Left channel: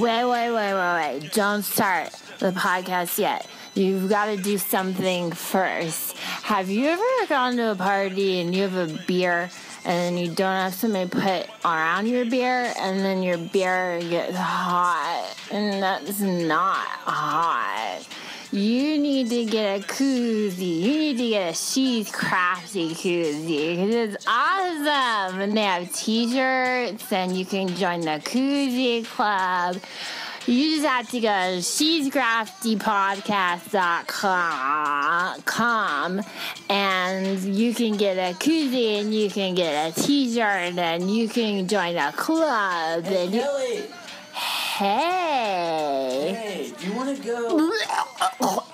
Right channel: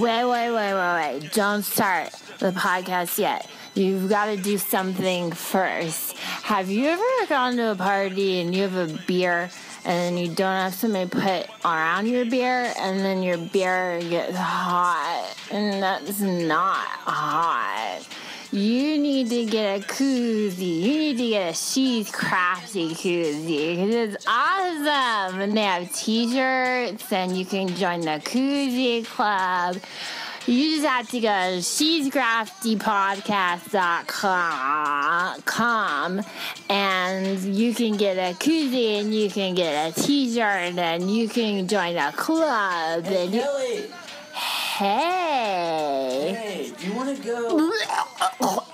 Wait. Don't start the podcast yet. You've got to do something first. Have you ever gone to a party and you have a beer and then you don't have somebody put around your beer and then your beer gets hot and that's not hot? You need to get a koozie. You need to get a She's Crafty koozie because it's awesome. And they have t-shirts and you can join the koozie club. You just have to go to she'scraftypodcast.com and you can get a koozie and you can get a t-shirt and you can join a club. Hey, Kelly! Hey, do you want to go? Oh,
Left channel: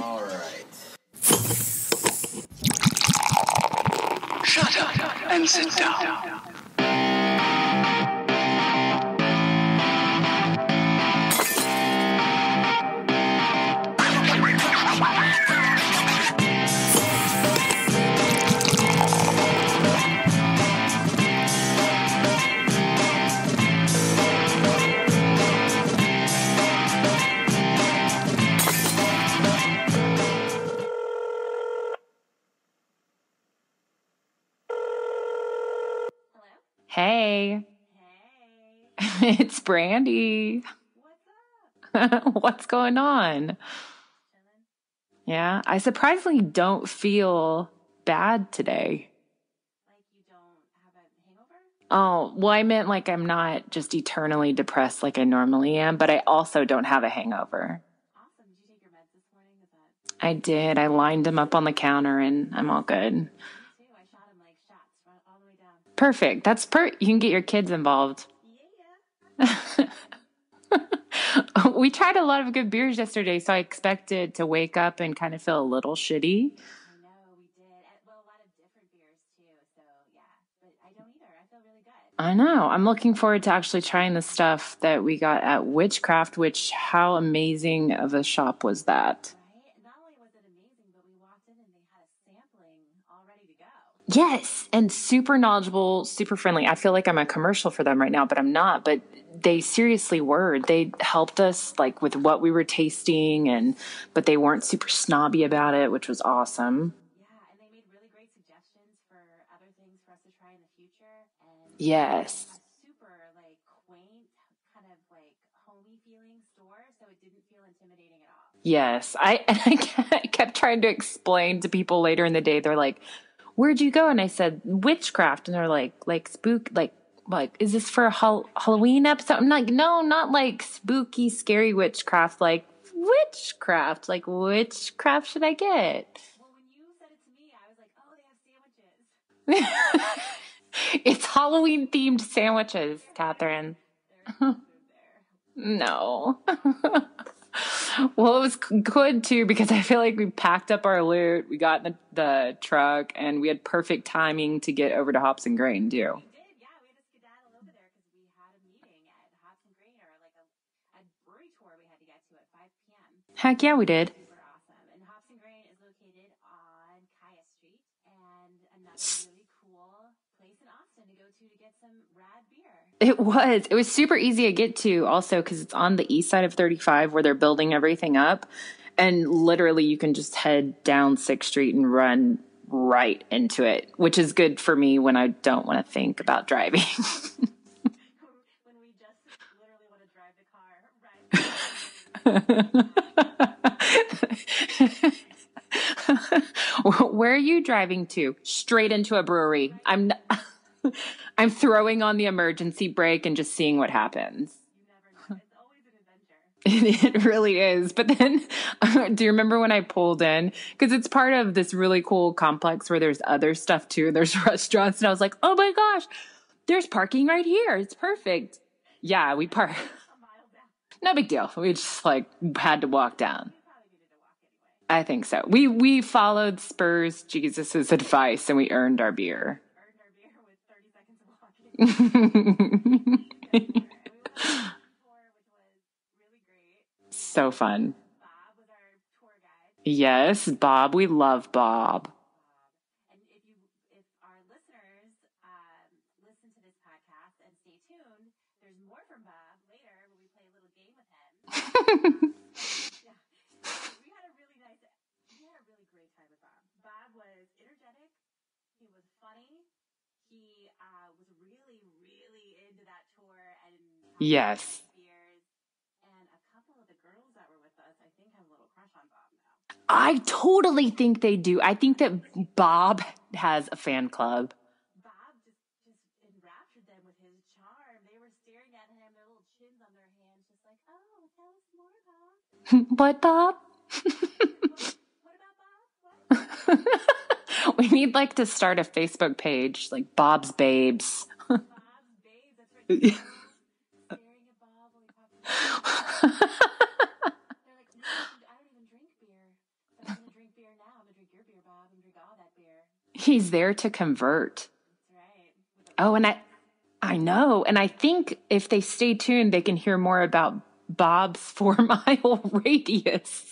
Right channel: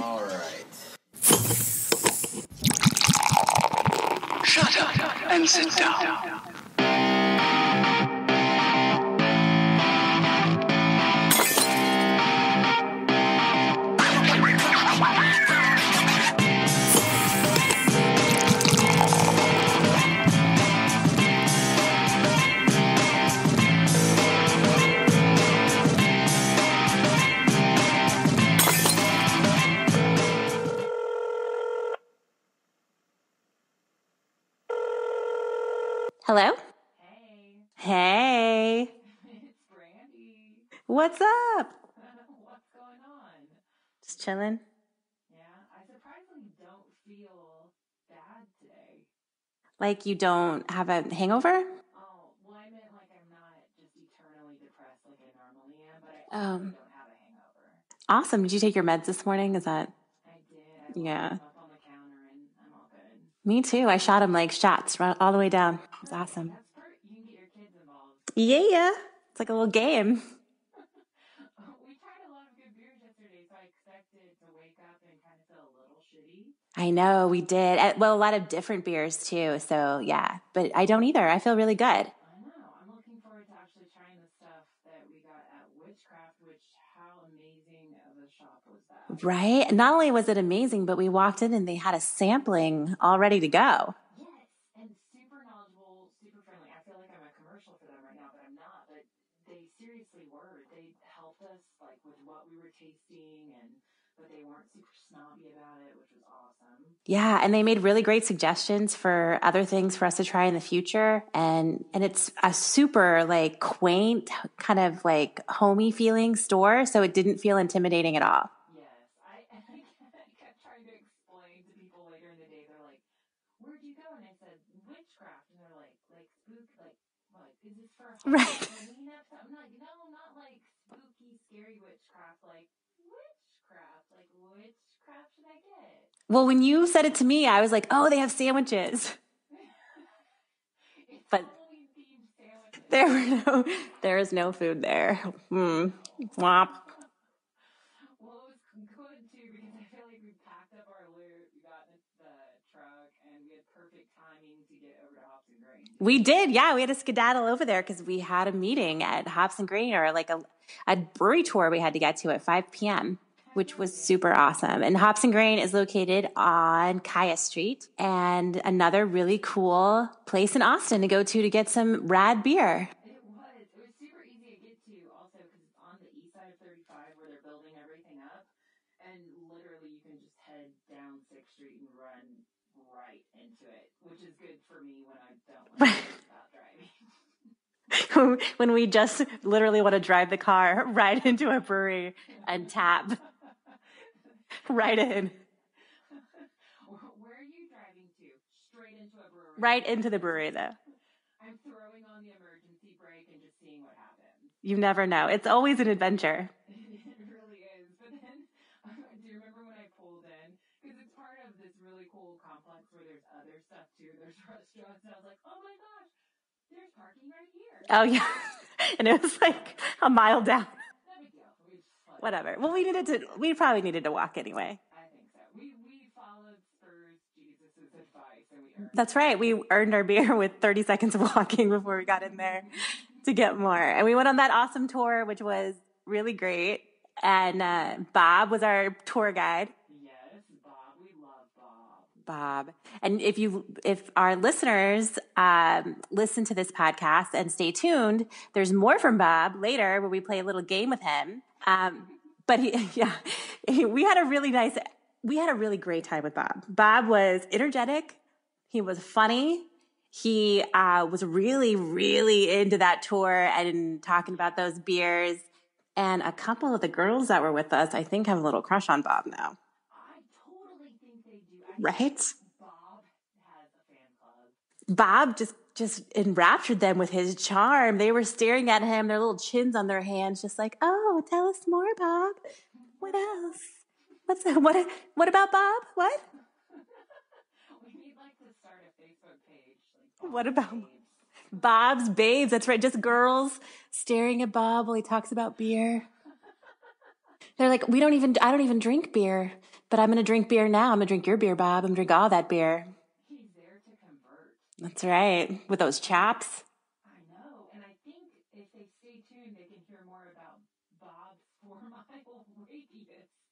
all right. Shut up and sit down. Hello? Hey, it's Brandi. What's up? What's going on? Just chilling. Yeah, I surprisingly don't feel bad today. Like you don't have a hangover? Oh, well, I meant like I'm not just eternally depressed like I normally am, but I also don't have a hangover. Awesome. Did you take your meds this morning? Is that? I did. I lined them up on the counter and I'm all good. Me too. I shot them like shots all the way down. Perfect. Awesome. You can get your kids involved. Yeah. It's a little game. We tried a lot of good beers yesterday, so I expected to wake up and kind of feel a little shitty. I know, we did. Well, a lot of different beers too, so yeah. But I don't either. I feel really good. I know. I'm looking forward to actually trying the stuff that we got at Whichcraft, which how amazing of a shop was that? Right? Not only was it amazing, but we walked in and they had a sampling all ready to go. Yes, and super knowledgeable, super friendly. I feel like I'm a commercial for them right now, but I'm not. But they seriously were. They helped us like with what we were tasting but they weren't super snobby about it, which was awesome. Yeah, and they made really great suggestions for other things for us to try in the future. And it's a super like quaint, kind of like homey feeling store, so it didn't feel intimidating at all. Yes. I kept trying to explain to people later in the day. They're like, "Where'd you go?" And I said, "Whichcraft." And they're like spook, like, is this for a Halloween episode? I'm like, no, not like spooky, scary witchcraft, like witchcraft. Like, which craft should I get? Well, when you said it to me, I was like, oh, they have sandwiches. It's Halloween themed sandwiches, Catherine. There is no food there. No. Well, it was good too because I feel like we packed up our loot, we got in the truck, and we had perfect timing to get over to Hops and Grain too. We did, yeah. We had to skedaddle over there because we had a meeting at Hops and Grain, or like a brewery tour we had to get to at 5 p.m. Heck yeah, we did. Super awesome. And Hops and Grain is located on Kaya Street, and another really cool place in Austin to go to get some rad beer. It was super easy to get to also because it's on the east side of 35 where they're building everything up. And literally you can just head down 6th Street and run right into it, which is good for me when I don't want to think about driving. When we just literally want to drive the car right into a brewery and tap right in. Where are you driving to? Straight into a brewery. Right into the brewery, though. I'm throwing on the emergency brake and just seeing what happens. You never know. It's always an adventure. It really is. But then, do you remember when I pulled in? Because it's part of this really cool complex where there's other stuff, too. There's restaurants. And I was like, oh, my gosh. There's parking right here. It's perfect. Yeah. And yeah, it's we like parked a mile down. No big deal. We just had to walk down. We probably needed to walk anyway. I think so. We followed Spurs Jesus's advice and we earned our beer. That's right. We earned our beer with 30 seconds of walking before we got in there to get more. And we went on that awesome tour, which was really great. So fun. Bob was our tour guide. Yes, Bob. We love Bob. And if our listeners listen to this podcast and stay tuned, there's more from Bob later where we play a little game with him. But we had a really great time with Bob. Bob was energetic. He was funny. He was really, really into that tour and talking about those beers. And a couple of the girls that were with us, I think, have a little crush on Bob now. I totally think they do. I think that Bob has a fan club. Bob just enraptured them with his charm. They were staring at him, their little chins on their hands, just like, oh, tell us more, Bob. What, Bob? What about Bob? What? We need to start a Facebook page, like Bob's Babes. Bob's Babes. That's right. Just girls staring at Bob while he talks about beer. They're like, I don't even drink beer, but I'm going to drink beer now. I'm going to drink your beer, Bob. I'm going to drink all that beer. He's there to convert. That's right. With those chaps. I know. And I think if they stay tuned, they can hear more about Bob's 4-mile radius.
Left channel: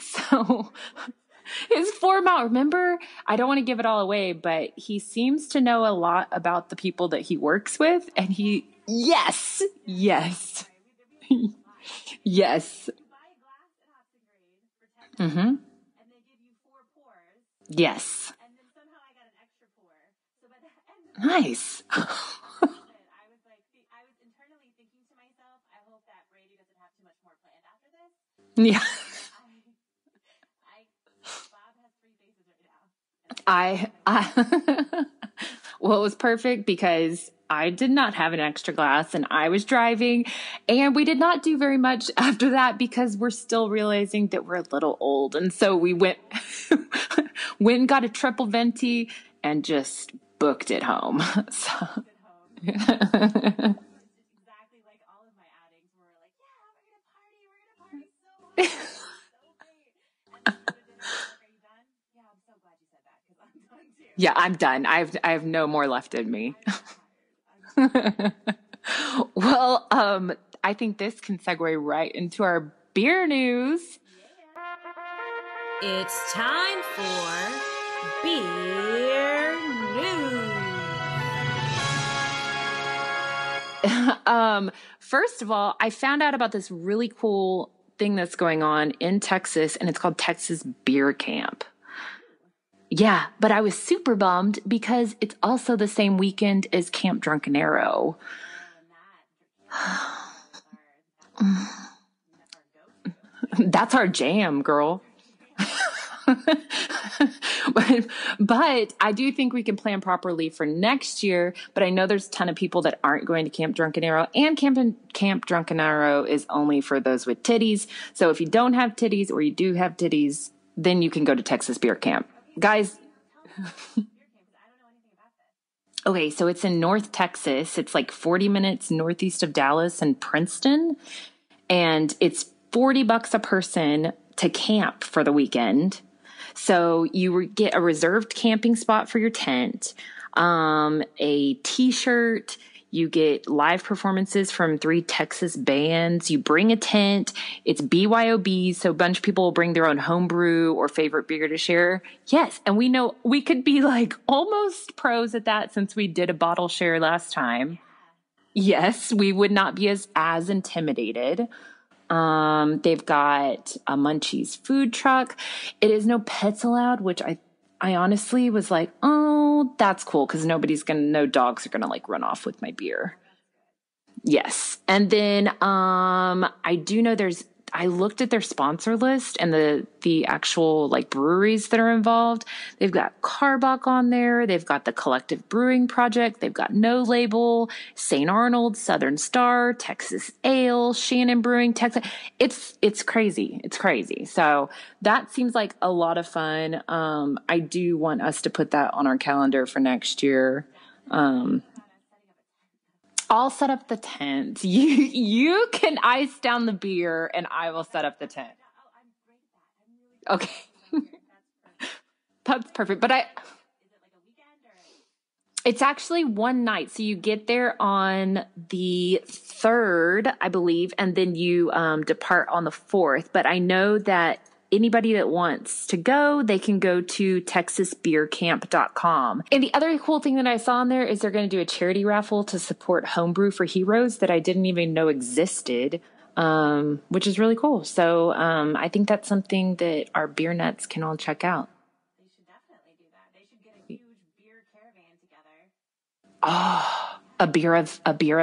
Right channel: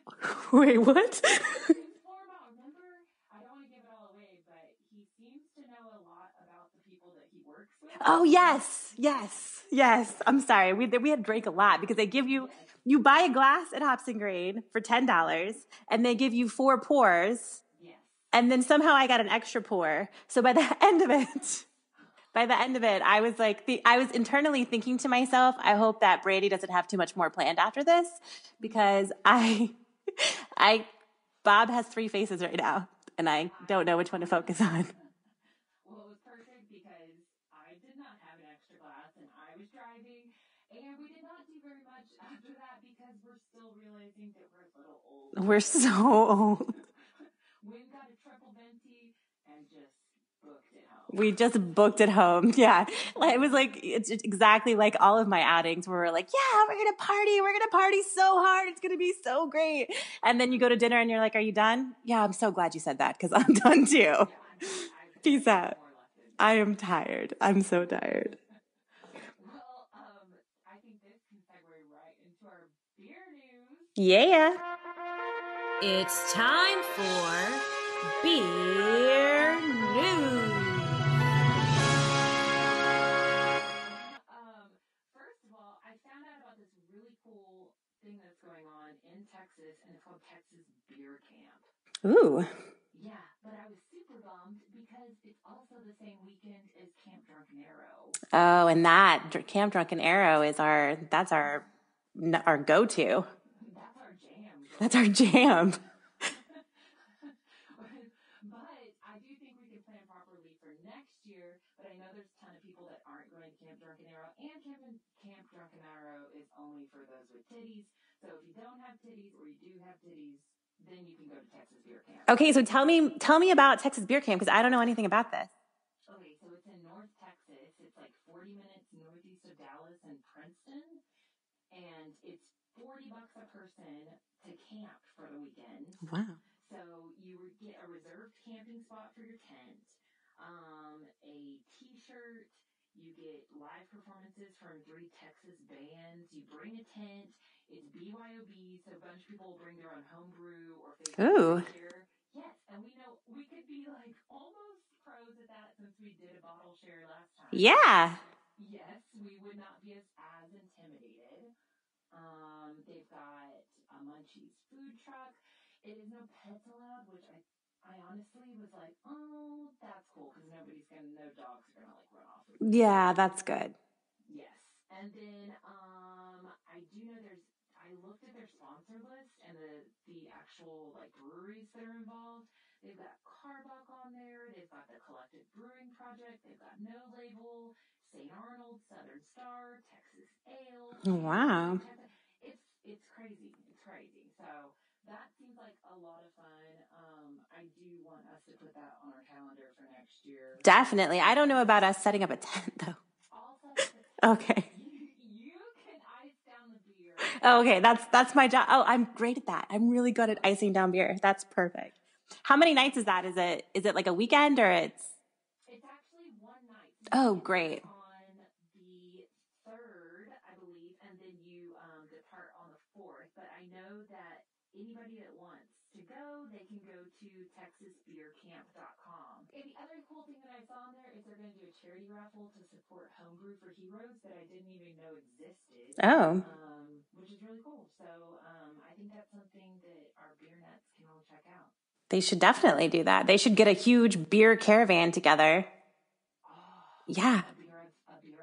So wait, what? His 4-mile. Remember, I don't want to give it all away, but he seems to know a lot about the people that he works with. Oh, yes. Yes. I'm sorry. We had to drink a lot because they give you, you buy a glass at Hops and Grade for $10 and they give you 4 pours. Yes. And then somehow I got an extra pour. So by the end of it, I was I was internally thinking to myself, I hope that Brady doesn't have too much more planned after this because Bob has 3 faces right now, and I don't know which one to focus on. Well, it was perfect because I did not have an extra glass, and I was driving, and we did not do very much after that because we're still realizing that we're a little old, and we went and got a triple venti and just booked it home. We just booked it home. Yeah. It was it's exactly like all of my outings where we're like, yeah, we're going to party so hard. It's going to be so great. And then you go to dinner and you're like, are you done? Yeah, I'm so glad you said that because I'm done too. Yeah, I'm done. I have no more left in me. I am tired. I'm so tired. Well, I think this can segue right into our beer news. Yeah. It's time for beer news. First of all, I found out about this really cool thing that's going on in Texas, and it's called Texas Beer Camp. Ooh. Yeah, but I was super bummed because it's also the same weekend as Camp Drunken Arrow. Oh, and that Camp Drunken Arrow is our go-to. That's our jam, girl. That's our jam. But I do think we can plan properly for next year. But I know there's a ton of people that aren't going to Camp Drunken Arrow, and Camp Drunken Arrow is only for those with titties. So if you don't have titties or you do have titties, then you can go to Texas Beer Camp. Okay, so guys, tell me about Texas Beer Camp because I don't know anything about this. Okay, so it's in North Texas. It's 40 minutes northeast of Dallas and Princeton, and it's $40 a person to camp for the weekend. Wow. So you get a reserved camping spot for your tent, a t-shirt, you get live performances from 3 Texas bands, you bring a tent, it's BYOB, so a bunch of people will bring their own homebrew or favorite beer to share. Yes, and we know we could be almost pros at that since we did a bottle share last time. Yeah. Yes, we would not be as intimidated. They've got a Munchies food truck. It is no pets allowed, which I honestly was like, oh, that's cool. Cause no dogs are going to run off with my beer. Yeah, that's good. Yes. And then, I do know I looked at their sponsor list and the actual breweries that are involved. They've got Carbach on there. They've got the Collective Brewing Project. They've got No Label, St. Arnold, Southern Star, Texas Ale, Shannon Brewing, Texas. It's crazy. It's crazy. So that seems like a lot of fun. I do want us to put that on our calendar for next year. Definitely. I don't know about us setting up a tent though. I'll set up the tent. Okay. You can ice down the beer, and I will set up that's my job. Oh, I'm great at that. I'm really good at icing down beer. That's perfect. How many nights is that? Is it a weekend or It's actually one night. So you get there on the 3rd, I believe, and then you depart on the 4th. But I know that anybody that wants to go, they can go to texasbeercamp.com. And the other cool thing that I saw on there is they're going to do a charity raffle to support Homebrew for Heroes that I didn't even know existed. Which is really cool. So I think that's something that our beer nuts can all check out. They should definitely do that. They should get a huge beer caravan together. Oh, yeah. A beer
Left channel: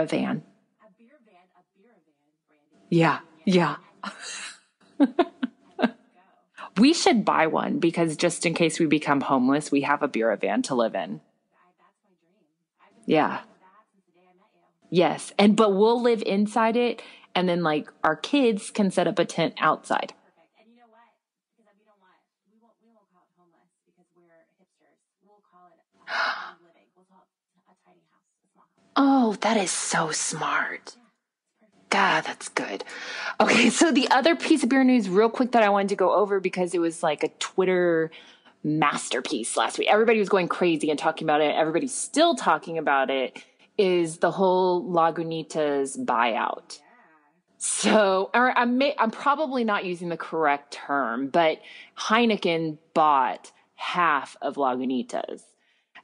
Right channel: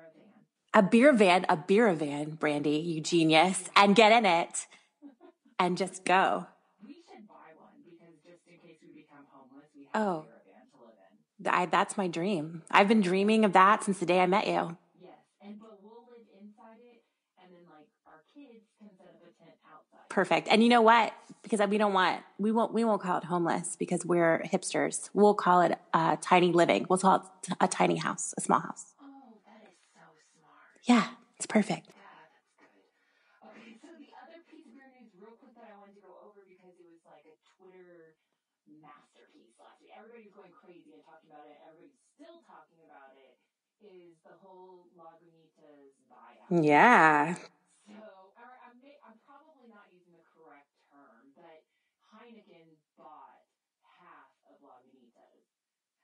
van. A beer van, Brandi, you genius. Yeah. And get in it and just go. We should buy one because just in case we become homeless, we have a beer van to live in. That's my dream. I've been dreaming of that since the day I met you. Yes. But we'll live inside it. And then like our kids can set up a tent outside. Perfect. And you know what? Because we won't call it homeless because we're hipsters. We'll call it tiny living. We'll call it a tiny house, a small house. Oh, that is so smart. Yeah, it's perfect. God, that's good. Okay, so the other piece of beer news real quick that I wanted to go over because it was like a Twitter masterpiece last week. Everybody was going crazy and talking about it. Everybody's still talking about it. Is the whole Lagunitas buyout. Yeah. So, I'm probably not using the correct term, but Heineken bought half of Lagunitas.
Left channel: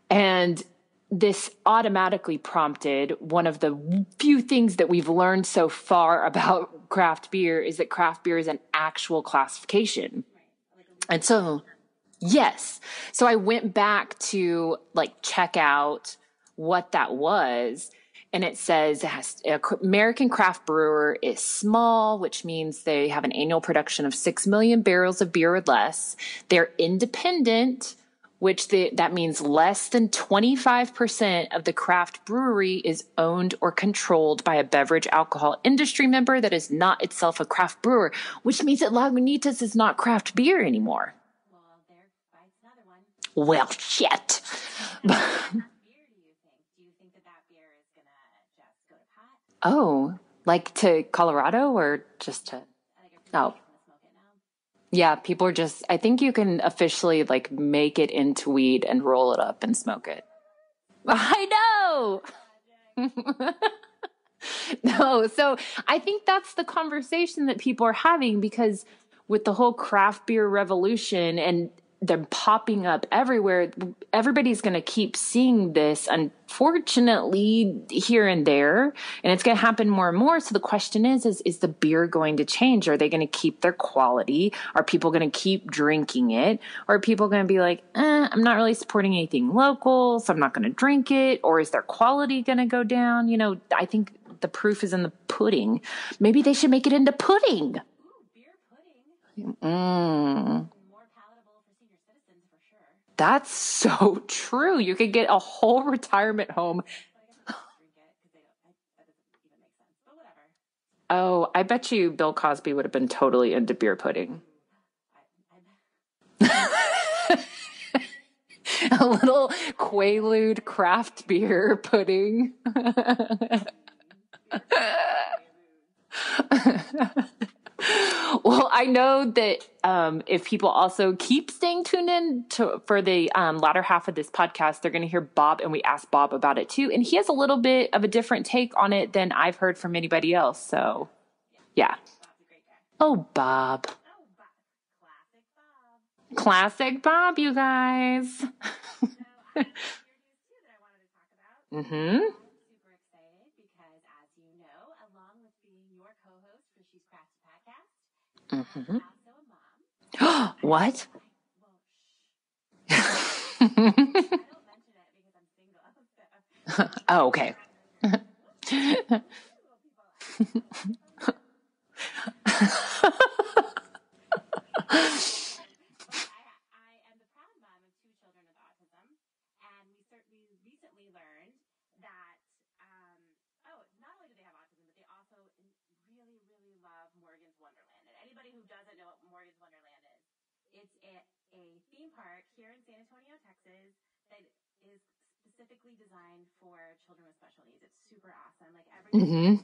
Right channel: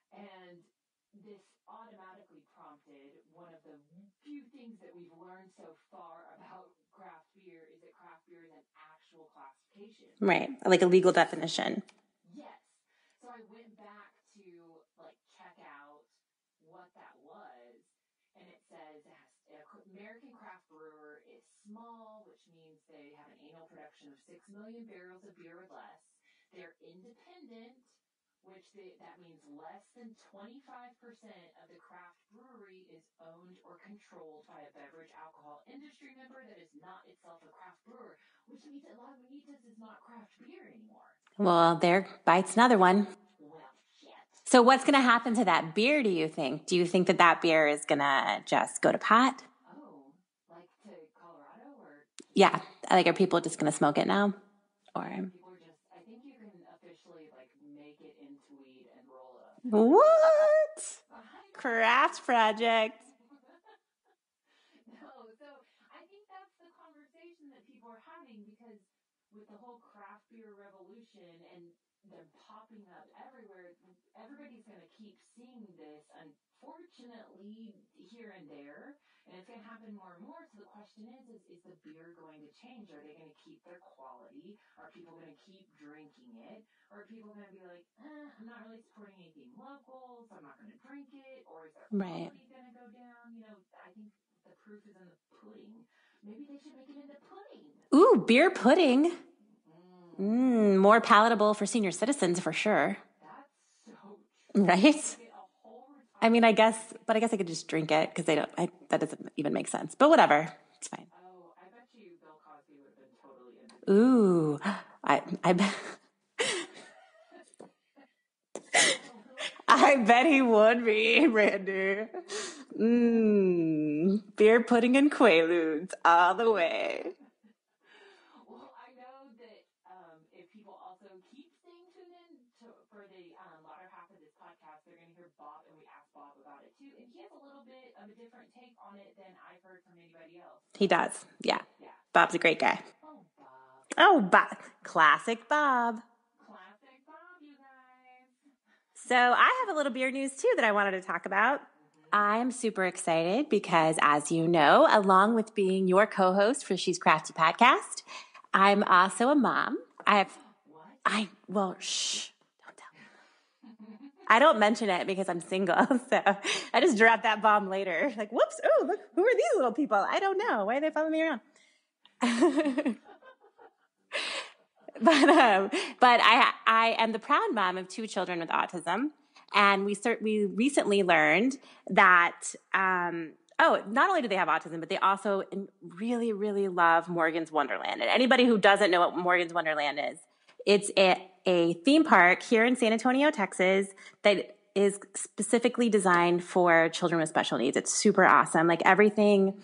And this automatically prompted one of the few things that we've learned so far about craft beer is that craft beer is an actual classification. Right. Like a legal definition. Yes. So I went back to like check out what that was, and it says American craft brewer is small, which means they have an annual production of 6 million barrels of beer or less. They're independent, which that means less than 25% of the craft brewery is owned or controlled by a beverage alcohol industry member that is not itself a craft brewer, which means that Lagunitas is not craft beer anymore. Well, there bites another one. Well, shit. So what's going to happen to that beer, do you think? Do you think that beer is going to just go to pot? Oh, like to Colorado or just? Yeah. Like, are people just going to smoke it now? Yeah, people are just, I think you can officially like make it into weed and roll it up and smoke it. I know. Craft project. No, so I think that's the conversation that people are having because with the whole craft beer revolution and they're popping up everywhere, everybody's going to keep seeing this, unfortunately, here and there, and it's going to happen more and more. So the question is the beer going to change? Are they going to keep their quality? Are people going to keep drinking it? Or are people going to be like, I'm not really supporting anything local, so I'm not going to drink it? Or is their quality going to go down? You know, I think the proof is in the pudding. Maybe they should make it into pudding. Ooh, beer pudding. More palatable for senior citizens for sure. That's so true. Right? You could get a whole retirement home. I guess I could just drink it because that doesn't even make sense. But whatever, it's fine. Oh, I bet you Bill Cosby would have been totally into beer pudding. I bet. A little Quaalude craft beer pudding. Beer pudding and Quaaludes all the way. Well, I know that if people also keep staying tuned in for the latter half of this podcast, they're going to hear Bob, and we asked Bob about it too. And he has a little bit of a different take on it than I've heard from anybody else. So. He does. Yeah. Yeah. Bob's a great guy. Oh, Bob. Classic Bob. Classic Bob, you guys. So I have a little beer news too that I wanted to talk about. Mm-hmm. I'm super excited because, as you know, along with being your co-host for She's Crafty podcast, I'm also a mom. What? Shh. Don't tell me. I don't mention it because I'm single, so I just drop that bomb later. Like, whoops, who are these little people? I don't know. Why are they following me around? But I am the proud mom of 2 children with autism, and we recently learned that not only do they have autism, but they also really, really love Morgan's Wonderland. And anybody who doesn't know what Morgan's Wonderland is, it's a theme park here in San Antonio, Texas, that is specifically designed for children with special needs. It's super awesome. Like everything.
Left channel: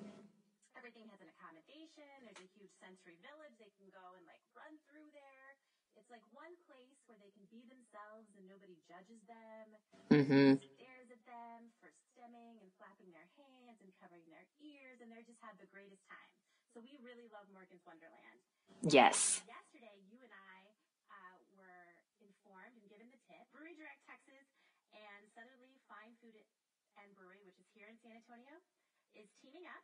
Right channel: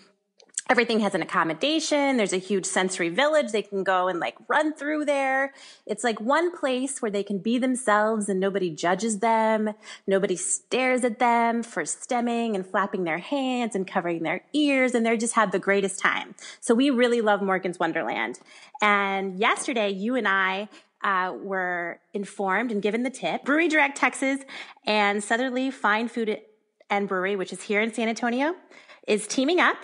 Everything has an accommodation. There's a huge sensory village. They can go and like run through there. It's like one place where they can be themselves and nobody judges them. Nobody stares at them for stemming and flapping their hands and covering their ears. And they just have the greatest time. So we really love Morgan's Wonderland. And yesterday, you and I were informed and given the tip. Brewery Direct Texas and Southerly Fine Food and Brewery, which is here in San Antonio, is teaming up.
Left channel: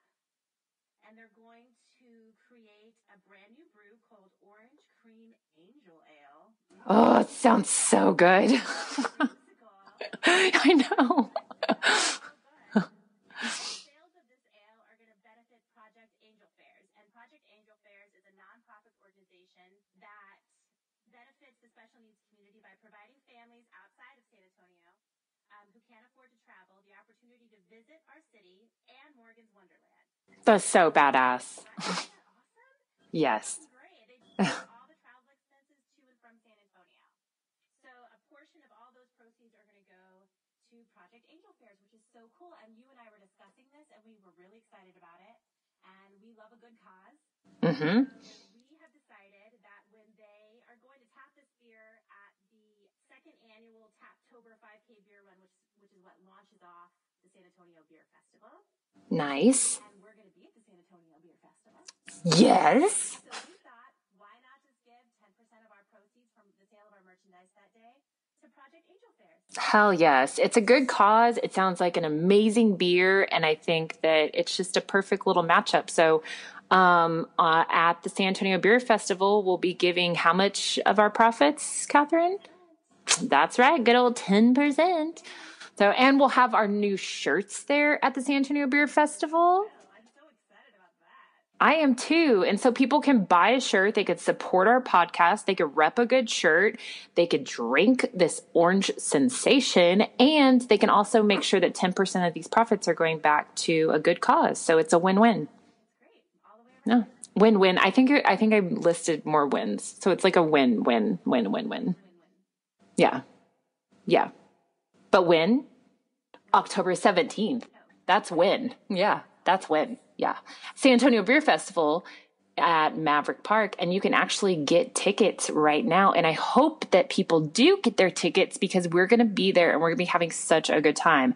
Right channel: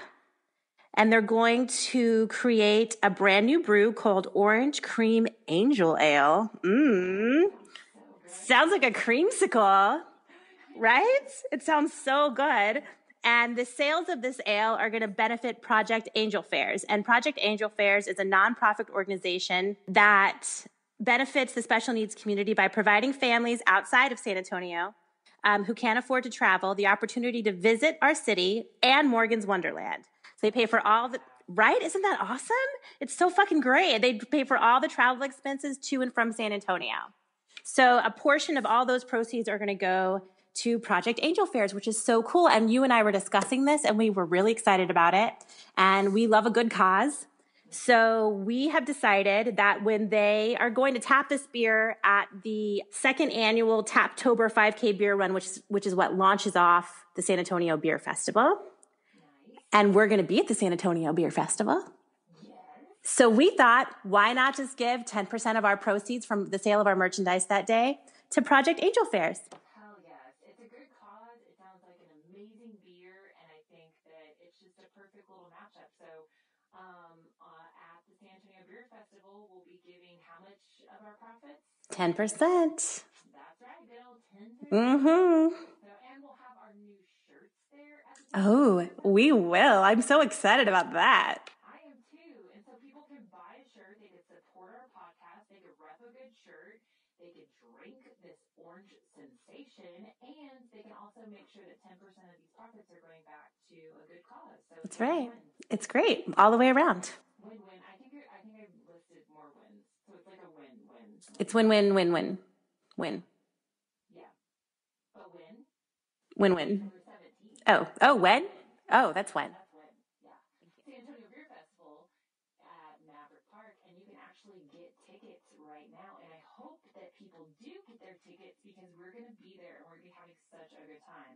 And they're going to create a brand new brew called Orange Cream Angel Ale. Oh, it sounds so good. Sounds like a creamsicle. I know. Right? It sounds so good. And the sales of this ale are going to benefit Project Angel Fairs. And Project Angel Fairs is a nonprofit organization that benefits the special needs community by providing families outside of San Antonio who can't afford to travel the opportunity to visit our city and Morgan's Wonderland. That's so badass. Right? Isn't that awesome? It's so fucking great. They pay for all the travel expenses to and from San Antonio. So a portion of all those proceeds are going to go to Project Angel Fairs, which is so cool. And you and I were discussing this and we were really excited about it. And we love a good cause. So we have decided that when they are going to tap this beer at the second annual Taptober 5K beer run, which is what launches off the San Antonio Beer Festival. Nice. And we're going to be at the San Antonio Beer Festival. Yes. So we thought, why not just give 10% of our proceeds from the sale of our merchandise that day to Project Angel Fairs? Hell yes. It's a good cause. It sounds like an amazing beer. And I think that it's just a perfect little matchup. So at the San Antonio Beer Festival, we'll be giving how much of our profits, Catherine? 10%. That's right. Good old 10%. So, and we'll have our new shirts there at the San Antonio Beer Festival. We will. I'm so excited about that. I am too. And so people can buy a shirt. They could support our podcast. They could rep a good shirt. They could drink this orange sensation. And they can also make sure that 10% of these profits are going back to a good cause. So it's a win-win. It's great all the way around. Win-win. I think I listed more wins. So it's like a win-win. It's win-win. Yeah. Yeah. But win? Win-win. October 17th. Oh, that's when? win. Oh, yeah, that's when. That's win. Yeah. San Antonio Beer Festival at Maverick Park, and you can actually get tickets right now. And I hope that people do get their tickets because we're going to be there and we're going to be having such a good time.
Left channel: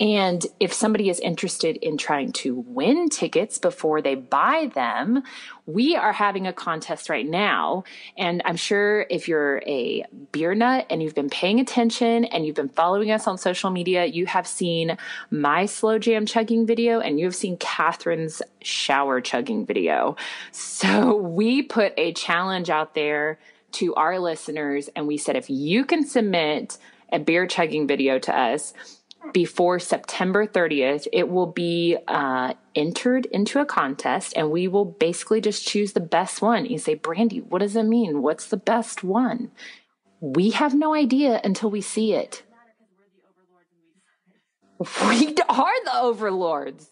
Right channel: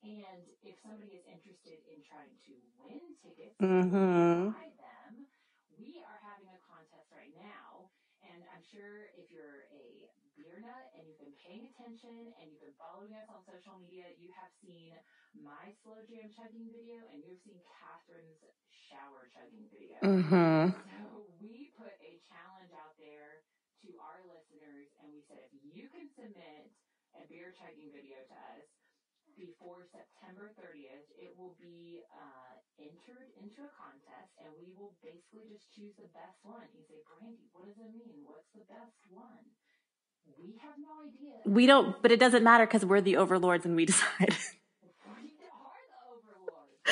And if somebody is interested in trying to win tickets before they buy them, we are having a contest right now. And I'm sure if you're a beer nut and you've been paying attention and you've been following us on social media, you have seen my slow jam chugging video and you have seen Catherine's shower chugging video. So we put a challenge out there to our listeners and we said, if you can submit a beer chugging video to us before September 30th, it will be entered into a contest and we will basically just choose the best one. You say, Brandi, what does it mean? What's the best one? We have no idea until we see it. But it doesn't matter because we're the overlords and we decide. We are the overlords.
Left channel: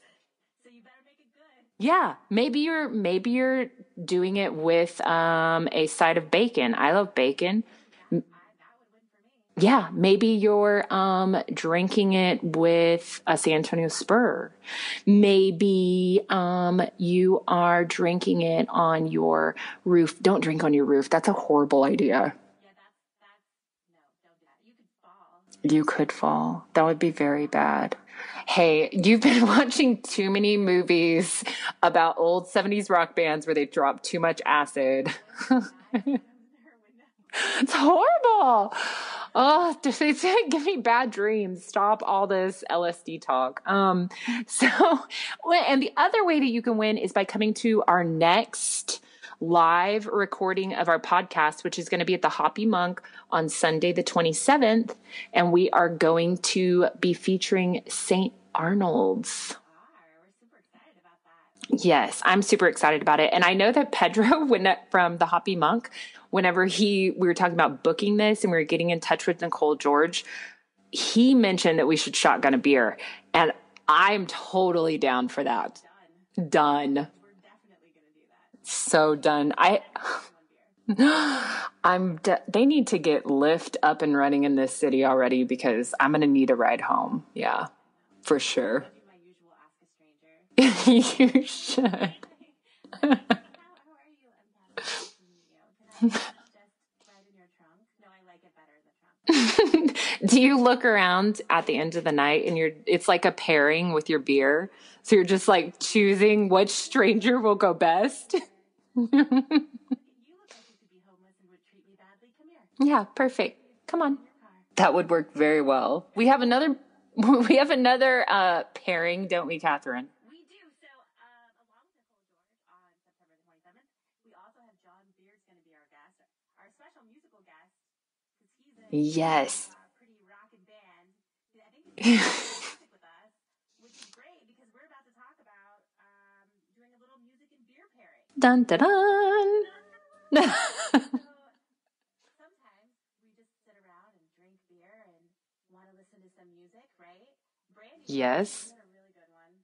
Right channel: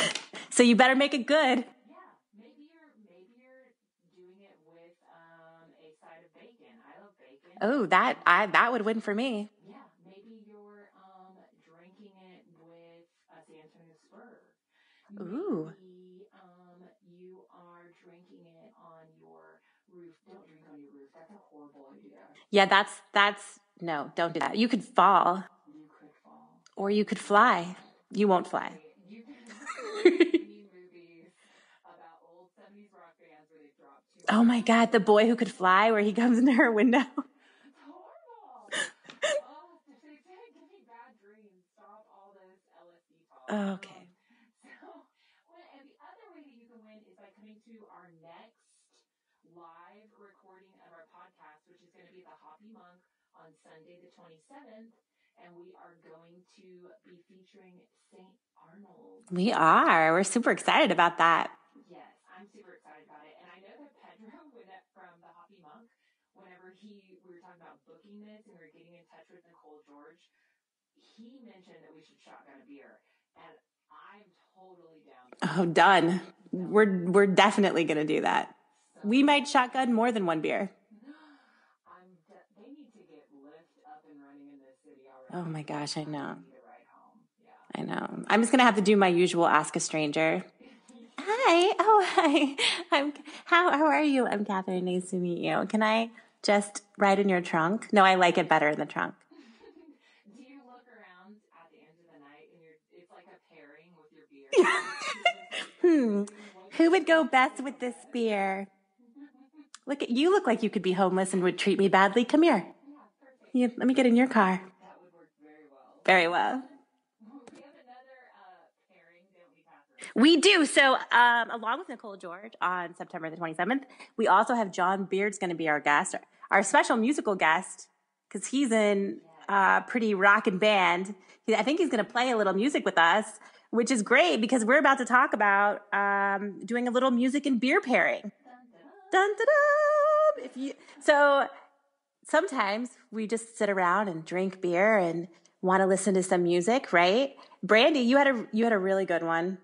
So you better make it good. Yeah. Maybe you're doing it with a side of bacon. I love bacon. Oh, that would win for me. Yeah. Maybe you're drinking it with a San Antonio Spur. Maybe you are drinking it on your roof. Don't drink on your roof. That's a horrible idea. Yeah, that's no, don't do that. You could fall. You could fall. That would be very bad. You won't fly. Hey, you've been watching too many movies about old 70s rock bands where they drop too much acid. Oh my God, The Boy Who Could Fly where he comes into her window. It's horrible. Oh, it's give me bad dreams. Stop all this LSD talk. And the other way that you can win is by coming to our next live recording of our podcast, which is going to be at the Hoppy Monk on Sunday, the 27th. And we are going to be featuring St. Arnold's. We are. We're super excited about that. Yes, I'm super excited about it. And I know that Pedro, from the Hoppy Monk, whenever we were talking about booking this and we were getting in touch with Nicole George, he mentioned that we should shotgun a beer. And I'm totally down for that. Done. We're definitely going to do that. So we done. might shotgun more than one beer. They need to get Lyft up and running in this city already because I'm going to need a ride home. Yeah. I know. I'm just going to have to do my usual ask a stranger. Hi. Oh, hi. How are you? I'm Catherine. Nice to meet you. Can I just ride in your trunk? No, I like it better in the trunk. Do you look around at the end of the night and it's like a pairing with your beer? So you're just like choosing which stranger will go best? Beer? You look like you could be homeless and would treat me badly. Come here. Yeah, perfect. Let me get in your car. That would work very well. We have another pairing, don't we, Catherine? We do. So along with Nicole George on September the 27th, we also have John Beard's going to be our guest, our special musical guest, because he's in pretty rockin' band. I think he's going to play a little music with us, which is great because we're about to talk about doing a little music and beer pairing. Dun, dun, dun. Dun, dun, dun. So sometimes we just sit around and drink beer and want to listen to some music, right? Brandi, you had a really good one.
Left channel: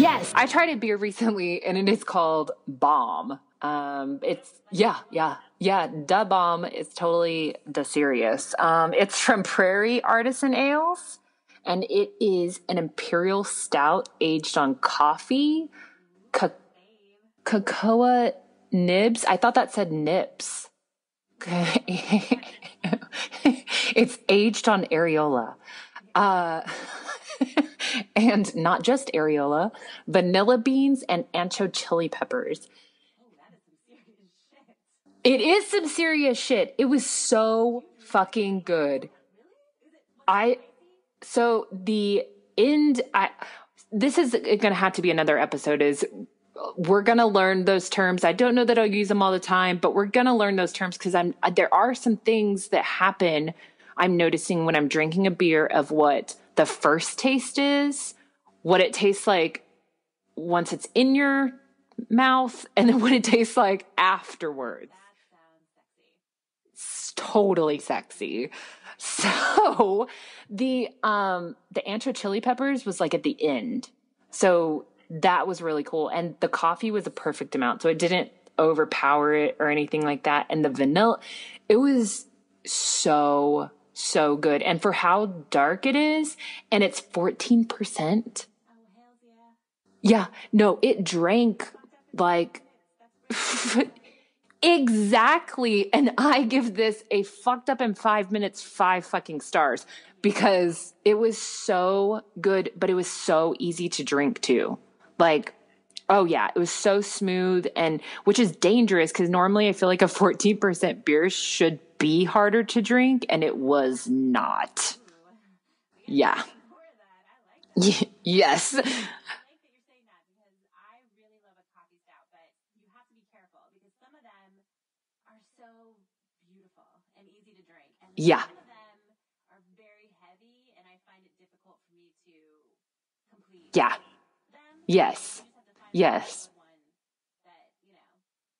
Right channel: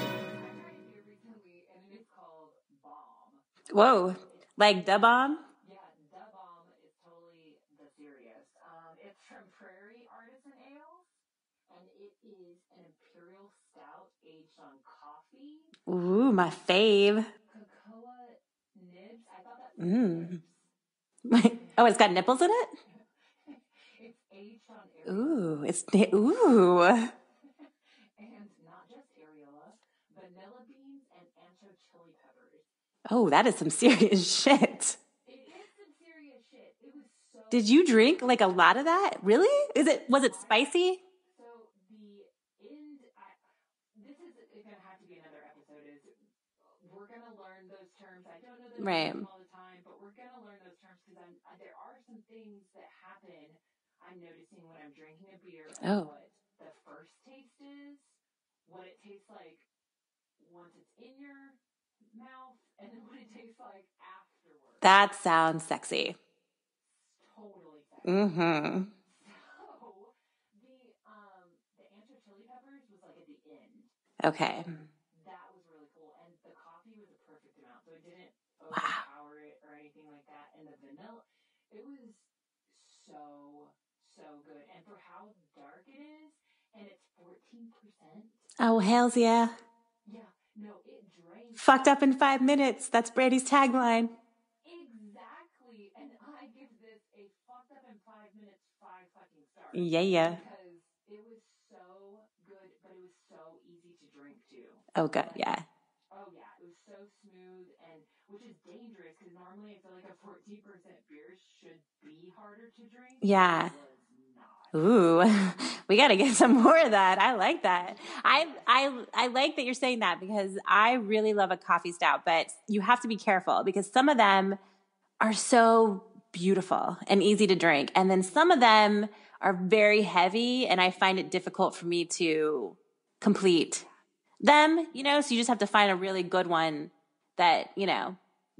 Yes, I tried a beer recently, and it is called Bomb. Whoa, it's like Da Bomb? Yeah, Da Bomb is totally the serious. It's from Prairie Artisan Ales. And it is an imperial stout aged on coffee. Ooh, my fave. Cocoa nibs. I thought that said nips. Oh, it's got nipples in it? It's aged on areola. And not just areola, vanilla beans and ancho chili peppers. Oh, that is some serious shit. It is some serious shit. It was so Did you drink like a lot good. of that? Really? Was it spicy? So this is going to have to be another episode is we're going to learn those terms. I don't know that I'll use them all the time, but we're going to learn those terms because there are some things that happen I'm noticing when I'm drinking a beer of what the first taste is, what it tastes like once it's in your mouth, and then what it tastes like afterwards. That sounds sexy. It's totally sexy. Mm-hmm. So the ancho chili peppers was like at the end. Okay. So that was really cool. And the coffee was a perfect amount. So it didn't overpower it or anything like that. And the vanilla, it was so good. And for how dark it is, and it's 14%. Oh, hells yeah. Yeah. No, it drank. Fucked up in 5 minutes. That's Brandi's tagline. Exactly. And I give this a fucked up in 5 minutes, 5 fucking stars. Yeah. Because it was so good, but it was so easy to drink too. Oh, God. Oh, yeah. It was so smooth, and which is dangerous because normally I feel like a 14% beer should be harder to drink, and it was not. Ooh, we got to get some more of that. I like that. Yes. I like that you're saying that because I really love a coffee stout, but you have to be careful because some of them are so beautiful and easy to drink. And then some of them are very heavy, and I find it difficult for me to complete them. You know, so you just have to find a really good one that,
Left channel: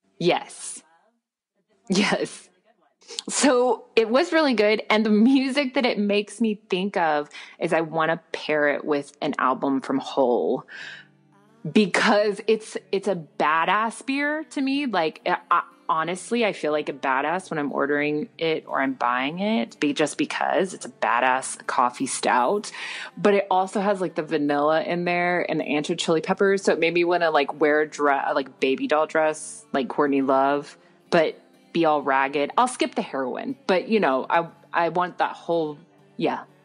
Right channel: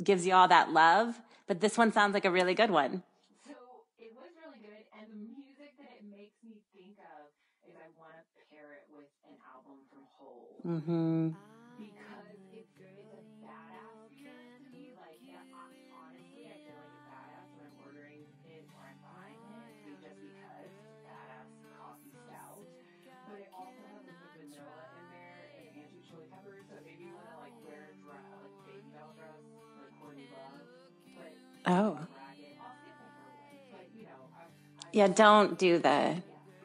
gives you all that love. But this one sounds like a really good one. So it was really good. And the music that it makes me think of is I want to pair it with an album from Hole. Mm-hmm. Because it's a badass beer to me. Like, honestly, I feel like a badass when I'm ordering it or I'm buying it, just because it's a badass coffee stout. But it also has like the vanilla in there and the ancho chili peppers. So it made me want to like wear a dress, like baby doll dress, like Courtney Love. But be all ragged. I'll skip the heroin, but I want that whole...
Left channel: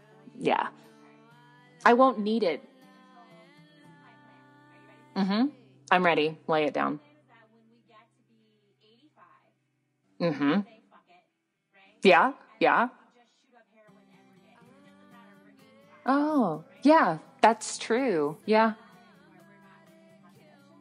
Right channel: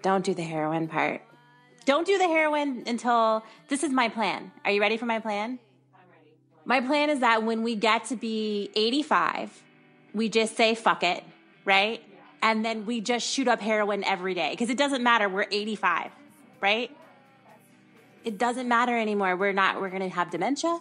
Don't do the heroin part. Don't do the heroin until... This is my plan. Are you ready for my plan? I'm ready. Lay it down. My plan is that when we get to be 85, we just say, fuck it, right? Yeah. And then we just shoot up heroin every day. Because it doesn't matter. We're 85. Oh. Right? Yeah, that's true. It doesn't matter anymore. We're going to have dementia.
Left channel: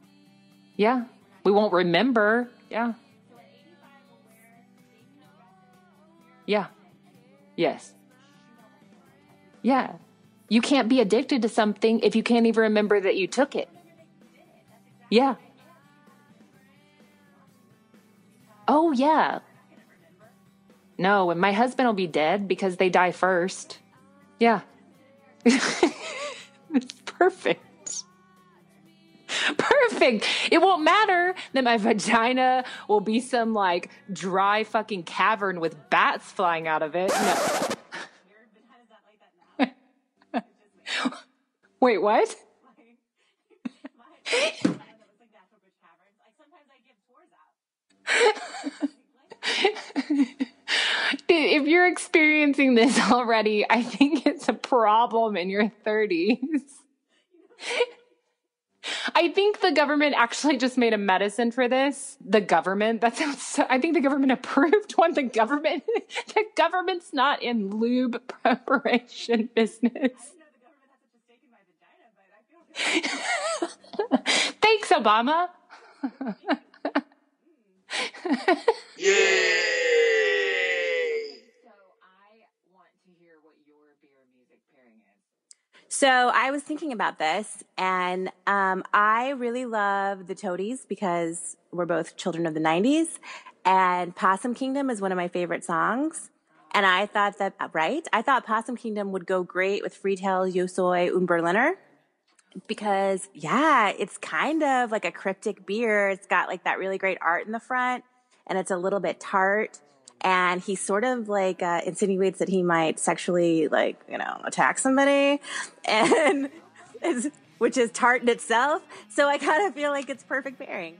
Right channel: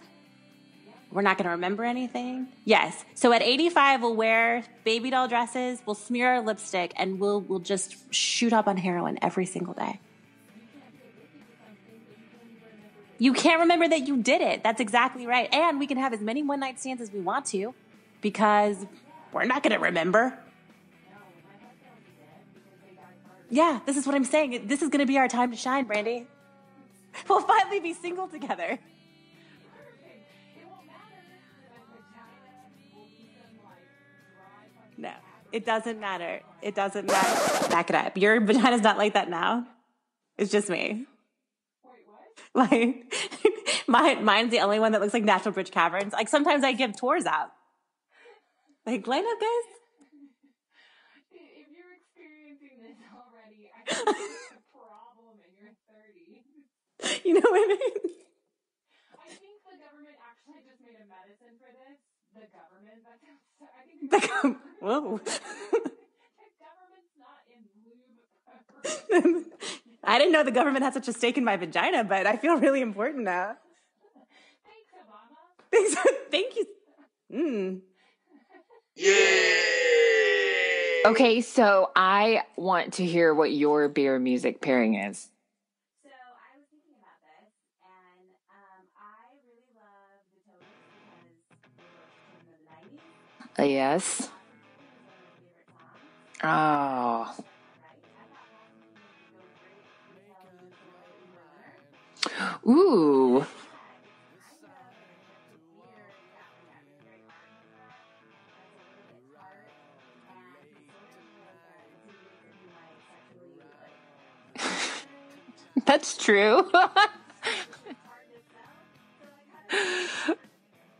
Yeah. We're not going to remember. Anything. Yes. So at 85, we'll wear baby doll dresses, we'll smear our lipstick, and we'll just shoot up on heroin every single day. You can't be addicted to something if you can't even remember that you took it. You can't remember that you did it. That's exactly right. And we can have as many one-night stands as we want to because we're not going to remember. No, and my husband will be dead because they die first. Yeah, this is what I'm saying. Yeah. This is going to be our time to shine, Brandi. We'll finally be single together. Perfect. It won't matter that my vagina will be some like dry fucking cavern with bats flying out of it. Back it up. Your vagina's not like that now. It's just me. Wait, what? Like, mine's the only one that looks like natural bridge caverns. Like, sometimes I give tours out. Like, line up, guys. If you're experiencing this already, I think it's a problem in your 30s. You know what I mean? I think the government actually just made a medicine for this. The government. That sounds so, I think the government approved one. The government's not in lube preparation business. I didn't know the government had such a stake in my vagina, but I feel really important now. Thanks, Obama. Thank you. Yeah. Okay, so I want to hear what your beer music pairing is. So I was thinking about this, and I really love the Toadies because we're both children of the 90s. Yes. And Possum Kingdom is one of my favorite songs. Oh. And I thought that, I thought Possum Kingdom would go great with Friedel, Yosoi, und Berliner. Because, it's kind of like a cryptic beer. It's got like that really great art in the front, and it's a little bit tart. And he sort of like insinuates that he might sexually attack somebody. That's true. Which is tart in itself. So I kind of feel like it's perfect pairing.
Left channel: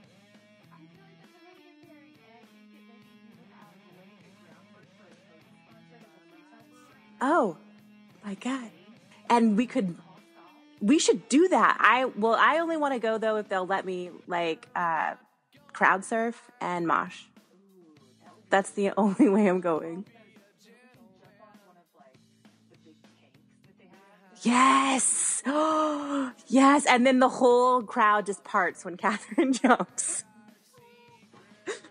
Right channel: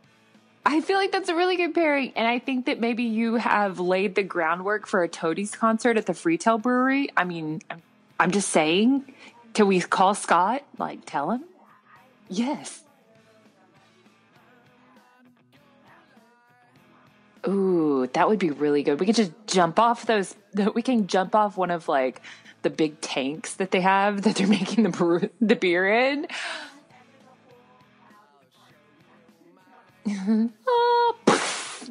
I feel like that's a really good pairing. And I think that maybe you have laid the groundwork for a Toadies concert at the Friedel Brewery. I mean, I'm just saying. And can we call Scott? We should do that. I only want to go though if they'll let me crowd surf and mosh. Ooh, that would be really good. We could just jump off those. We can jump off one of like the big tanks that they have that they're making the beer in. Yes, and then the whole crowd just parts when Catherine jumps. Mm-hmm. Oh,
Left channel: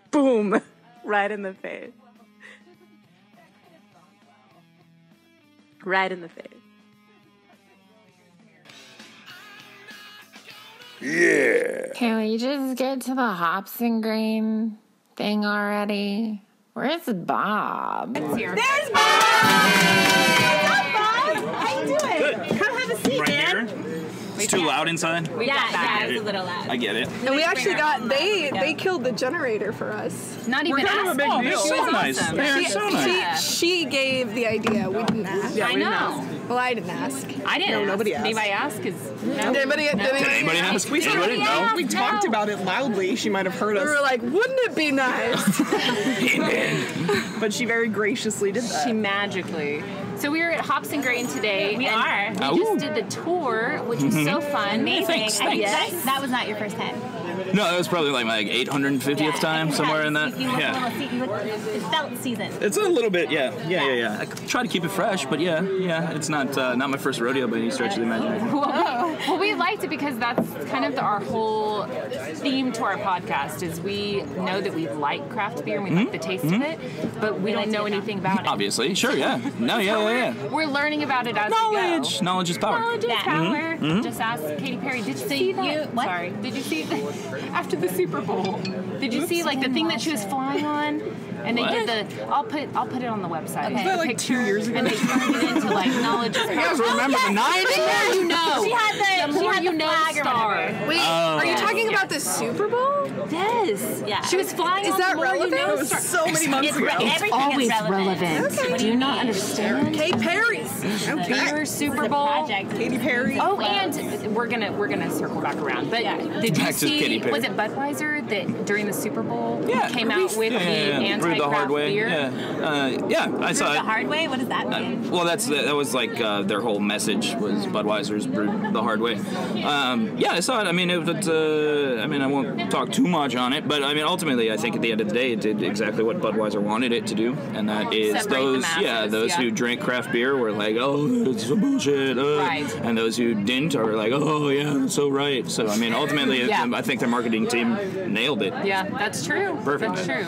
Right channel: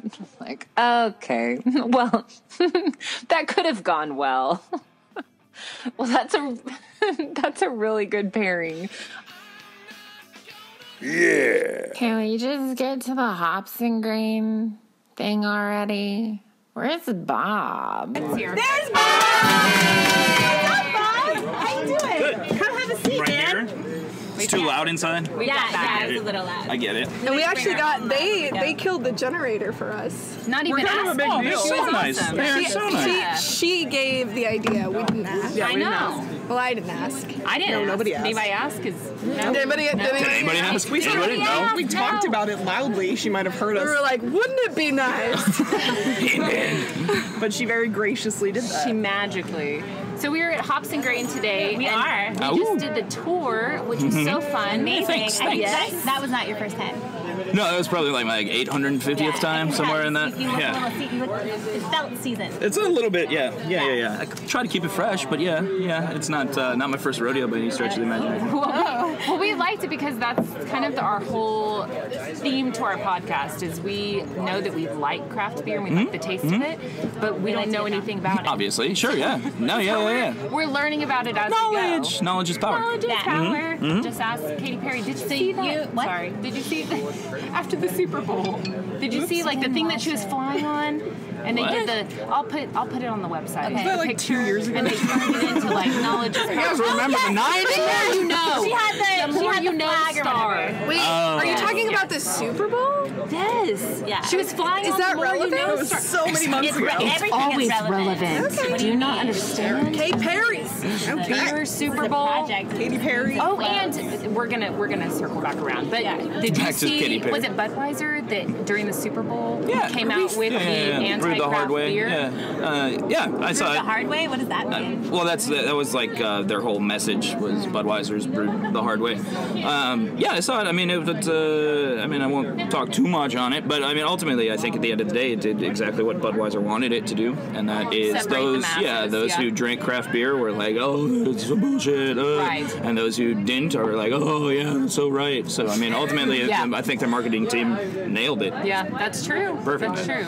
boom! Okay. Right in the face. Well, that could have gone well. Right. Well, that's a really good pairing. Yeah. Can we just get to the hops and grain thing already? Where's Bob? There's Bob! What's up, Bob? How you doing? Good. Come have a seat, man. Here. It's too loud inside. Yeah, it's a little loud. I get it. And we actually they killed the generator for us. Not even Kind of a big deal. So nice. They're so nice. She gave the idea. We didn't ask. I know. Well, I didn't ask. I didn't. No, nobody asked. Did anybody ask? Did anybody ask? We talked about it loudly. She might have heard us. We were like, wouldn't it be nice? But she very graciously did that. She magically. So we were at Hops and Grain today. We are. We just did the tour, which was so fun. Amazing. Thanks. That was not your first time. No, that was probably like my 850th time, somewhere in that. It felt seasoned. It's a little bit, yeah. I try to keep it fresh, but it's not my first rodeo by any stretch of the imagination. Well, we liked it because that's kind of our whole theme to our podcast is we know that we like craft beer and we like the taste of it, but we don't know anything about it. Obviously, sure, yeah. No, yeah. We're learning about it as Knowledge. we go. Knowledge is power. Knowledge is power. Just ask Katy Perry. Did you see that? Sorry. Did you see after the Super Bowl? Did you see like the thing that she was flying on? And they did I'll put it on the website. Okay. Was that like 2 years ago? And they turned it into like knowledge is power. You guys remember the 90s? The more you know. She had the star. Wait, are you talking about the Super Bowl? Yes. Yeah. She was flying Is on that the more relevant? you know It was star. so many months ago. Everything Always is relevant. relevant. Do you not understand? Katy Perry's. Beer Super Bowl. Katy Perry. Oh, and we're gonna circle back around. But did you Back to Katy see? Perry. Was it Budweiser that during the Super Bowl came out with the Brewed anti-craft the hard way. beer? Yeah, I saw The it. hard way? What does that mean? Well, that was like their whole message was Budweiser's brewed the hard way. Yeah, I saw it. I mean, I won't talk too much on it, but I mean, ultimately, I think at the end of the day, it did exactly what Budweiser wanted it to do, and that is Separate those who drink craft beer were like, oh, it's some bullshit, Right. and those who didn't are like, oh yeah, that's so right. So I mean, ultimately, I think their marketing team nailed it. Yeah, that's true. Perfect. That's true.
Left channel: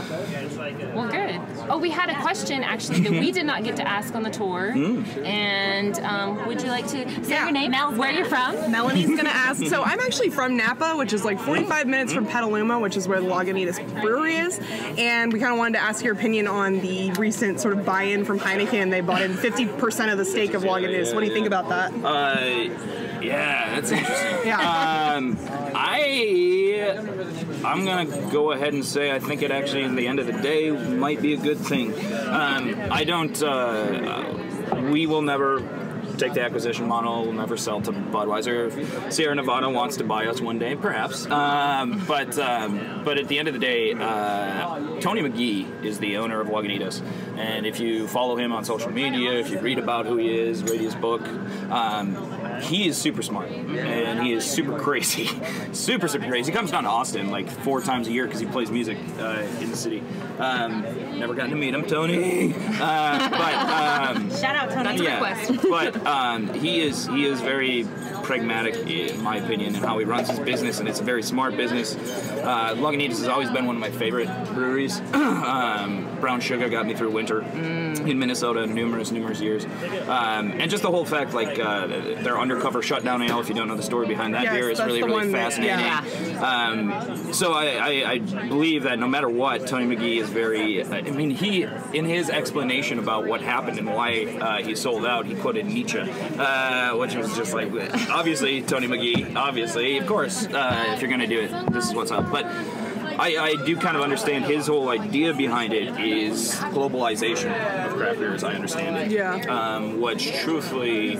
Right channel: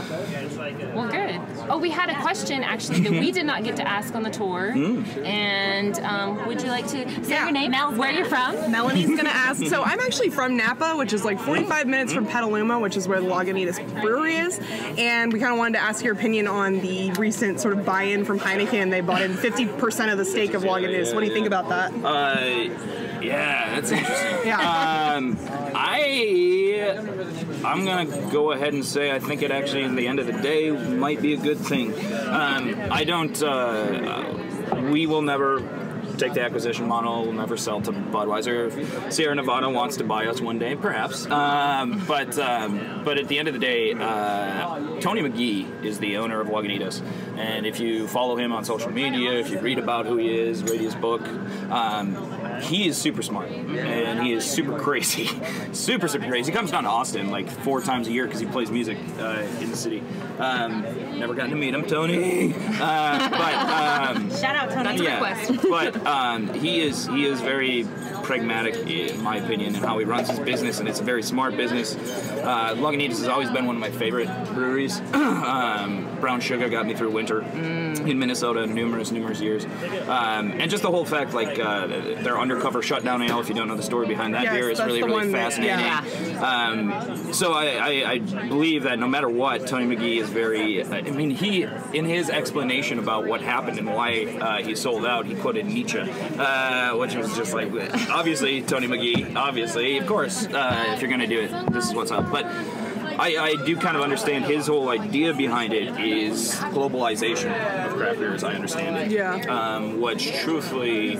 Well, good. Oh, we had a question actually that we did not get to ask on the tour. And would you like to say your name? Where are you from? Melanie's going to ask. So I'm actually from Napa, which is like 45 minutes from Petaluma, which is where the Lagunitas Brewery is. And we kind of wanted to ask your opinion on the recent sort of buy-in from Heineken. They bought in 50% of the stake of Lagunitas. What do you think about that? Yeah, that's interesting. I'm gonna go ahead and say I think it actually, in the end of the day, might be a good thing. I don't. We will never take the acquisition model. We'll never sell to Budweiser. If Sierra Nevada wants to buy us one day, perhaps. But at the end of the day, Tony McGee is the owner of Lagunitas, and if you follow him on social media, if you read about who he is, read his book, he is super smart, and he is super crazy. super crazy. He comes down to Austin like 4 times a year because he plays music in the city. Never gotten to meet him, Tony. Shout out, Tony. Yeah, but he is very pragmatic, in my opinion, in how he runs his business, and it's a very smart business. Lagunitas has always been one of my favorite breweries. Brown Sugar got me through winter in Minnesota numerous years. And just the whole fact, like, their undercover shutdown ale, if you don't know the story behind that beer, is really fascinating. So I believe that no matter what, Tony McGee is very, he, in his explanation about what happened and why he sold out, he quoted Nietzsche, which was just like, obviously, Tony McGee, obviously, of course, if you're going to do it, this is what's up. But I do kind of understand his whole idea behind it is globalization of craft beer, as I understand it. Yeah. Which, truthfully,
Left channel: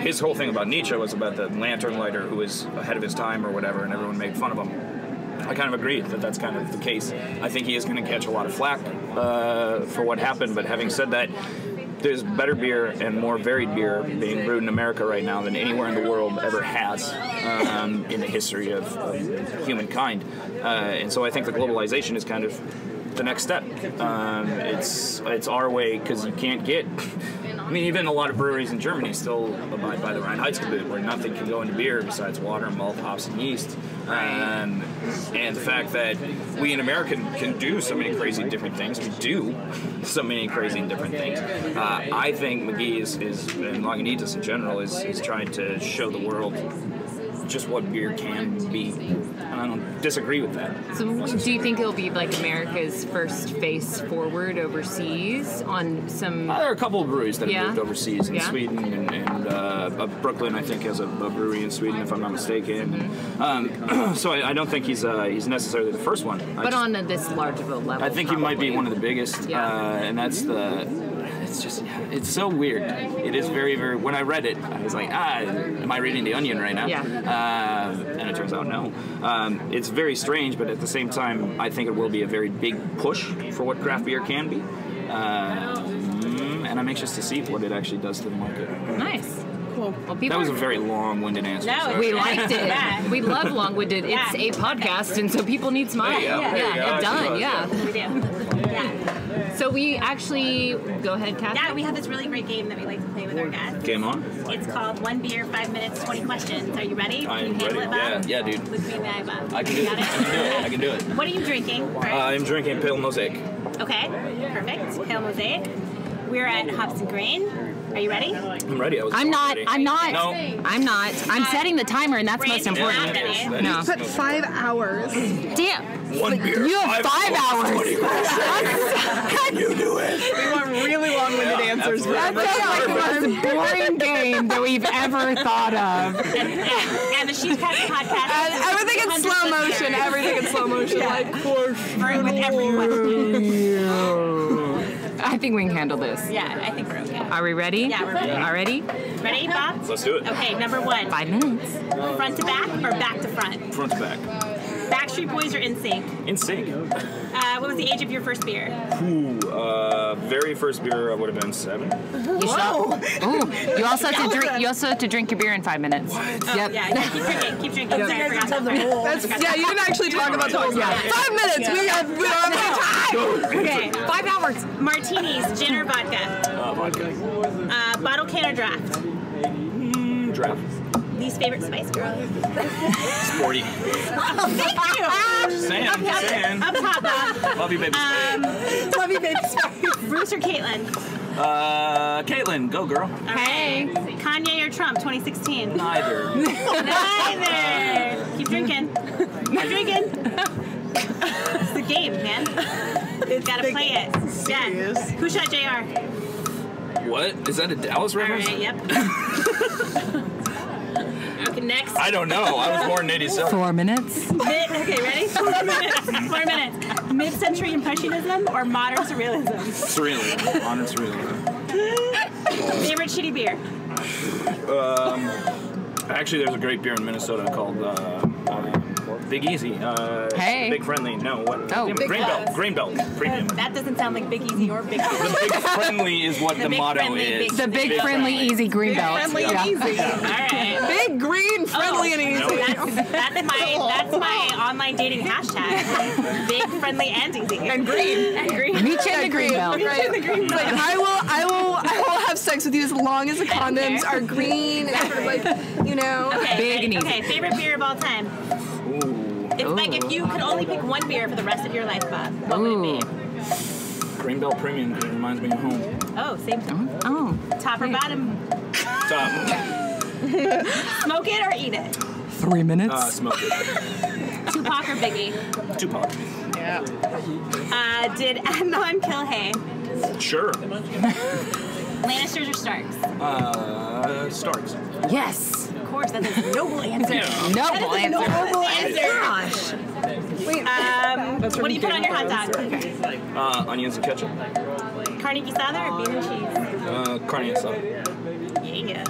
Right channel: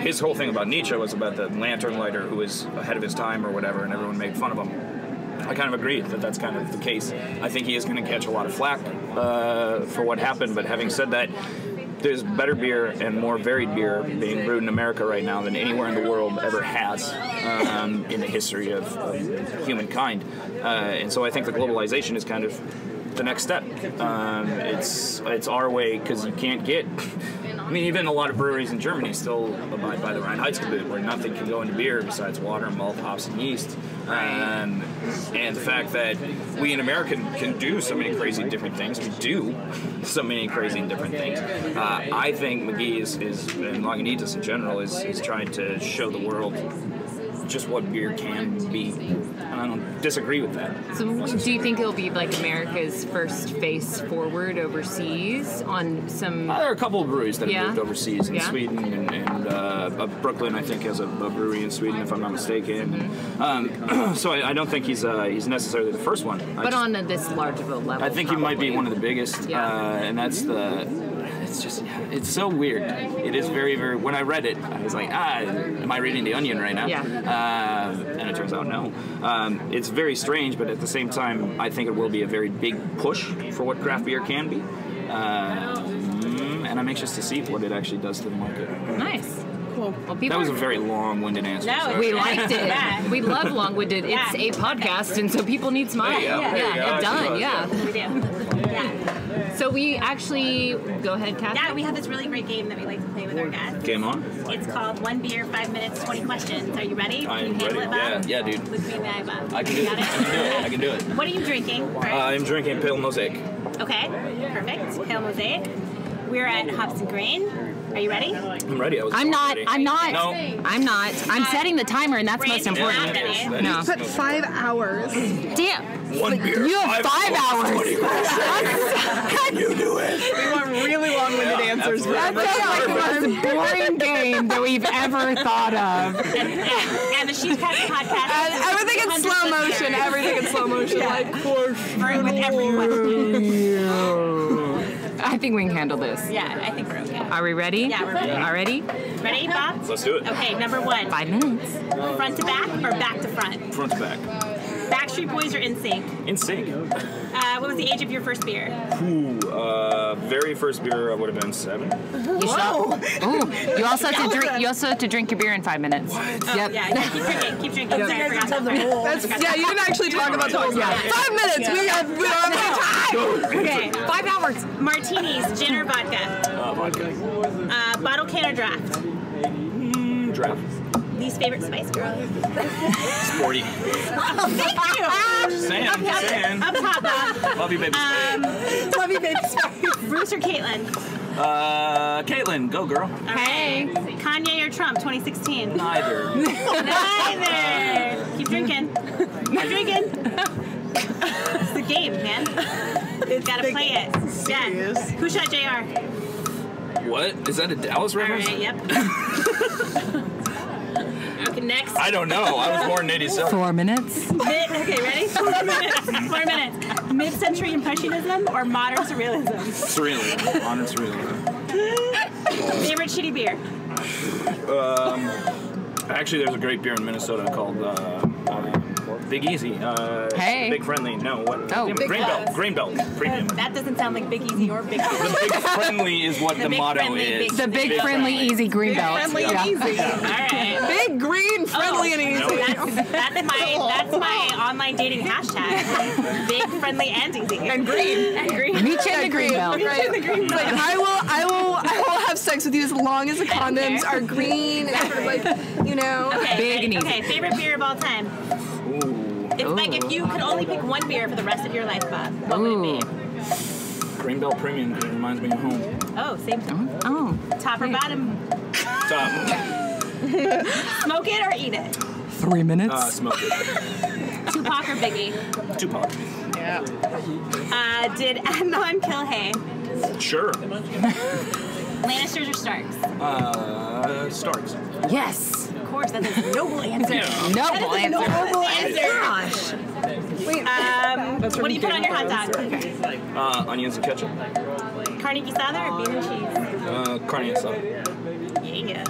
his whole thing about Nietzsche was about the lantern lighter who was ahead of his time or whatever, and everyone made fun of him. I kind of agree that that's kind of the case. I think he is going to catch a lot of flack for what happened, but having said that, there's better beer and more varied beer being brewed in America right now than anywhere in the world ever has in the history of humankind. And so I think the globalization is kind of the next step. It's our way, because you can't get... even a lot of breweries in Germany still abide by the Reinheitsgebot, where nothing can go into beer besides water, malt, hops, and yeast. And the fact that we in America can do so many crazy different things, we do so many crazy different things. I think McGee and Lagunitas in general is trying to show the world just what beer can be. And I don't disagree with that. So do you think it'll be like America's first face forward overseas on some... there are a couple of breweries that have moved overseas in Sweden, and Brooklyn, I think, has a brewery in Sweden, if I'm not mistaken. So I don't think he's necessarily the first one. But on this large of a level, I think he might be one of the biggest, and that's the... It's so weird. It is very, very... When I read it, I was like, am I reading The Onion right now? And it turns out no. It's very strange, but at the same time, I think it will be a very big push for what craft beer can be. And I'm anxious to see what it actually does to the market. Nice. Cool. Well, that was a very long-winded answer. No, we liked it. We love long-winded. It's a podcast, and so people need smile. We do. So we actually, go ahead, Kathy. Yeah, we have this really great game that we like to play with our guests. Game on. It's called 1 Beer, 5 Minutes, 20 Questions. Are you ready? I am ready. Yeah, dude. Look me in the eye, Bob. I can do it. I can do it. What are you drinking? I'm drinking Pale Mosaic. Okay, perfect. Pale Mosaic. We're at Hops and Grain. Are you ready? I'm ready. I'm not. No. I'm not. I'm setting the timer, and that's most important. No. You put 5 hours. Damn. 1 beer. You have 5 hours. Can you do it? We want really long-winded answers. That's like the most boring game that we've ever thought of. And the She's Cast podcast. Everything in slow motion. Everything in slow motion. Like, with every question. I think we can handle this. Yeah, I think we're okay. Are we ready? Yeah, we're ready. Already? Ready, Bob? Let's do it. Okay, number 1. 5 minutes. Front to back or back to front? Front to back. Backstreet Boys or NSYNC? NSYNC. What was the age of your first beer? Very first beer I would have been 7. You also have to drink. You also have to drink your beer in 5 minutes. What? Yep. Yeah, keep drinking. Sorry, I forgot that. yeah, you didn't actually talk about the rules. 5 minutes. We don't have any time. Okay. 5 hours. Martinis, gin or vodka? Vodka. Bottle can or draft? Draft. Least favorite Spice Girl? Sporty. Thank you. Saying. Up top, Bob. Love you, baby Spice. Love you, baby Spice. Bruce or Caitlyn? Caitlyn, go girl. Hey. Kanye or Trump, 2016? Neither. Keep drinking. It's the game, man. Gotta play it. Yeah. Who shot JR? What? Is that a Dallas reference? All right, yep. Okay, next. I don't know. I was born in 87. 4 minutes. Okay, ready? 4 minutes. 4 minutes. Mid-century Impressionism or modern surrealism? Surrealism. Modern surrealism. Favorite shitty beer? Actually, there's a great beer in Minnesota called Big Easy. Hey. Big Friendly. No, what? Oh, Damn it, Grain Belt Premium. That doesn't sound like Big Easy or Big The Big Friendly is what the motto is. The Big Friendly Easy Greenbelt. Friendly and easy. All right. Big, green, friendly, and easy. That's my online dating hashtag. Big, friendly, and easy. And green. Meet you in the Greenbelt. Right. Like I will have sex with you as long as the condoms are green and sort of like, you know. Okay, Big and easy. Okay, favorite beer of all time. It's like if you could only pick one beer for the rest of your life, Bob, what would it be? Grain Belt Premium, because it reminds me of home. Oh, same thing. Oh. Top or bottom? Top. Smoke it or eat it? 3 minutes. Smoke it. Tupac or Biggie? Tupac. Yeah. Did Adnan kill Hay? Sure. Lannisters or Starks? Starks. Yes. Of course, that's a noble answer. Noble answer. Noble answer. Gosh. Wait. What do you put on your hot dog? Onions and ketchup. Carne asada or bean and cheese? Carne asada. Yeah.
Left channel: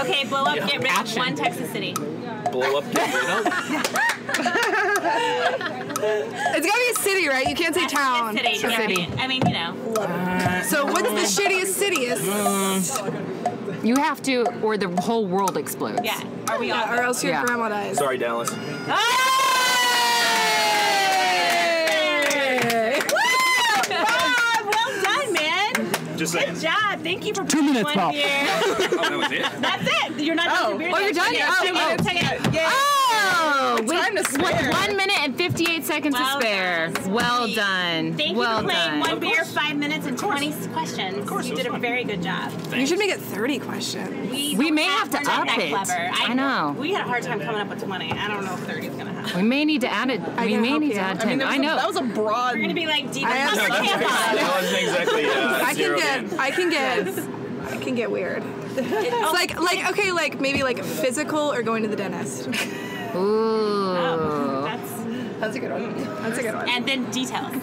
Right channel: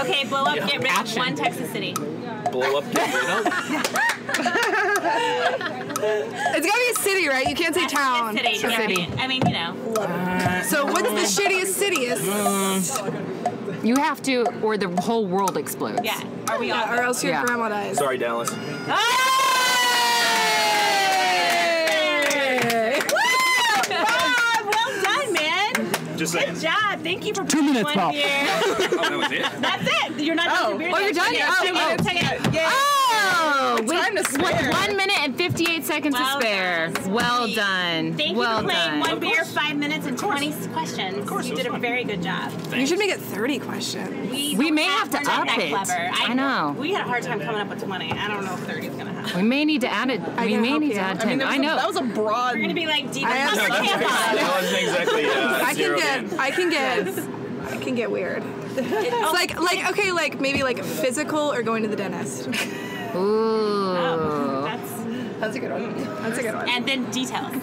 Okay, blow up, get rid of one Texas city. Blow up, get rid of? It's gotta be a city, right? You can't say town. City. It's a city. I mean, you know. So what's the shittiest cityest? You have to, or the whole world explodes. Yeah. Are we all? Or else your grandma dies. Sorry, Dallas. Well done, man. Just saying. Good job. Thank you for 2 minutes, one Bob. beer. Oh, that was it? That's it. You're not done with beer. Oh, you're done? Yeah, 2 minutes. Yeah. Oh, Time to spare. 1 minute and 58 seconds Well to spare. done. Well done. Thank well you for playing done. one beer, 5 minutes, and 20 questions. Of course, You it was did a fun. very good job. You should make it 30 questions. We may have to We're not up that it. clever. I know. We had a hard time coming up with 20. I don't know if 30 is going to happen. We may need to add it. We can may help need you. to add I mean, 10. I know. That was a broad. We're going to be like deep. I have- No, That wasn't exactly I can get weird. It's like okay, like maybe like physical or going to the dentist. Ooh. That's a good one. That's a good one. And then details.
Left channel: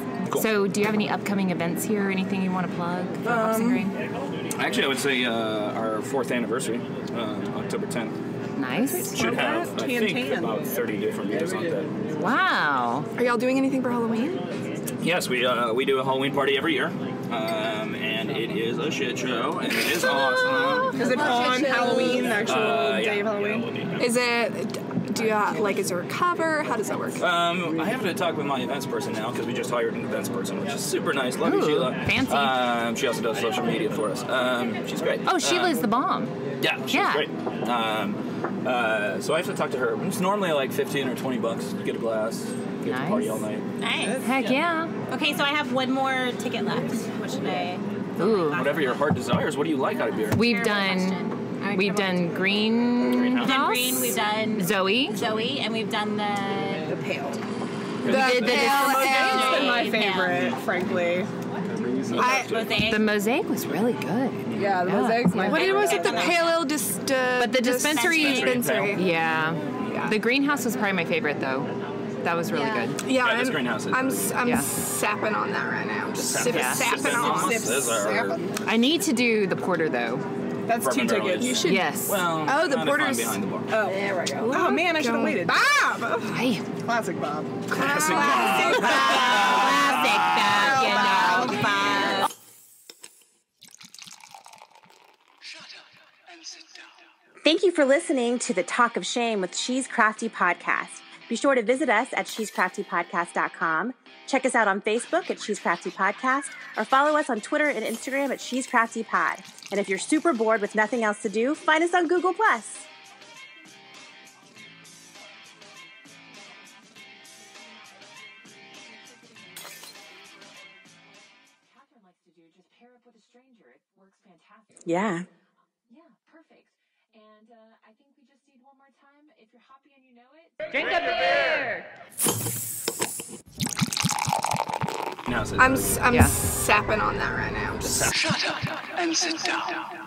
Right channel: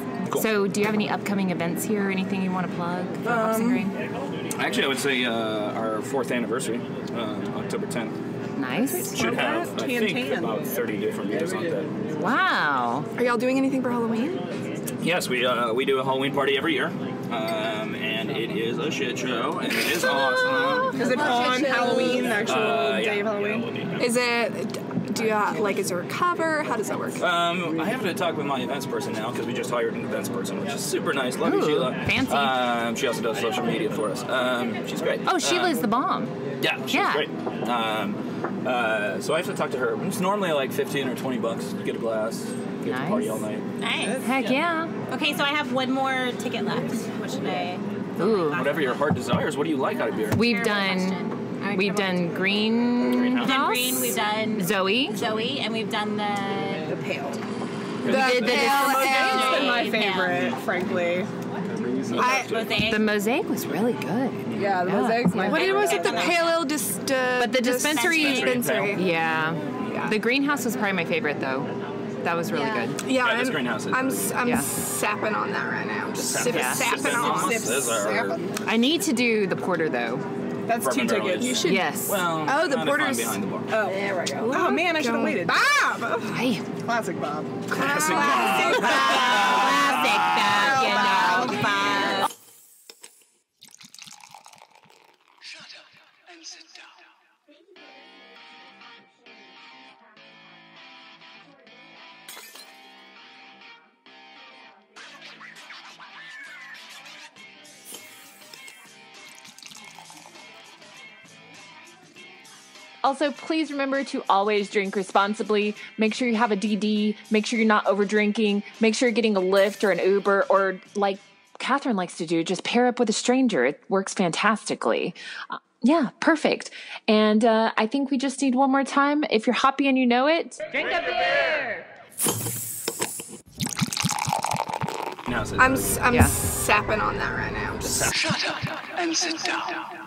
So, do you have any upcoming events here? Anything you want to plug for Hops and Grain? Actually, I would say our 4th anniversary, October 10th. Nice. Should have, I think, Tan. about 30 different beers on that. Wow. Are y'all doing anything for Halloween? Yes, we do a Halloween party every year, and it is a shit show, and it is awesome. Is it on Halloween, the actual day of Halloween? Is it? Do you is there a cover? How does that work? I have to talk with my events person now because we just hired an events person, which is super nice. Love you, Ooh, Sheila. fancy. She also does social media for us. She's great. Oh, Sheila's the bomb. Yeah, she's Yeah. great. So I have to talk to her. It's normally like $15 or $20 to get a glass, get to party all night. Nice. Heck yeah. Okay, so I have one more ticket left. What should I? Ooh. Whatever your heart desires. What do you like out of beer? We've Terrible done question. We've done Greenhouse. We've done Green. We've done Zoe, and we've done the pale. We did the Mosaic's been my Pale. favorite, frankly. Mosaic. The Mosaic was really good. Yeah, the Mosaic's my favorite. What was it? The pale ale But the dispensary, dispensary. yeah. The Greenhouse was probably my favorite though. That was really good. Yeah, this Greenhouse is I'm Yeah. sapping on that right now. Just Sapping. sapping on. Those are- I need to do the porter though. That's 2 tickets. You should. Yes. Well, Oh, the not if I'm porter's- behind the bar. Oh, there we go. Oh man, I should have waited. Bob. Hey. Classic Bob. Classic. Thank you for listening to the Talk of Shame with She's Crafty podcast. Be sure to visit us at shescraftypodcast.com. Check us out on Facebook at She's Crafty Podcast, or follow us on Twitter and Instagram at She's Crafty Pod. And if you're super bored with nothing else to do, find us on Google+. Also, please remember to always drink responsibly. Make sure you have a DD. Make sure you're not over drinking. Make sure you're getting a Lyft or an Uber, or like Catherine likes to do, just pair up with a stranger. It works fantastically. Yeah, perfect. And I think we just need one more time. If you're hoppy and you know it, drink a beer. I'm sapping on that right now. Shut up and sit down.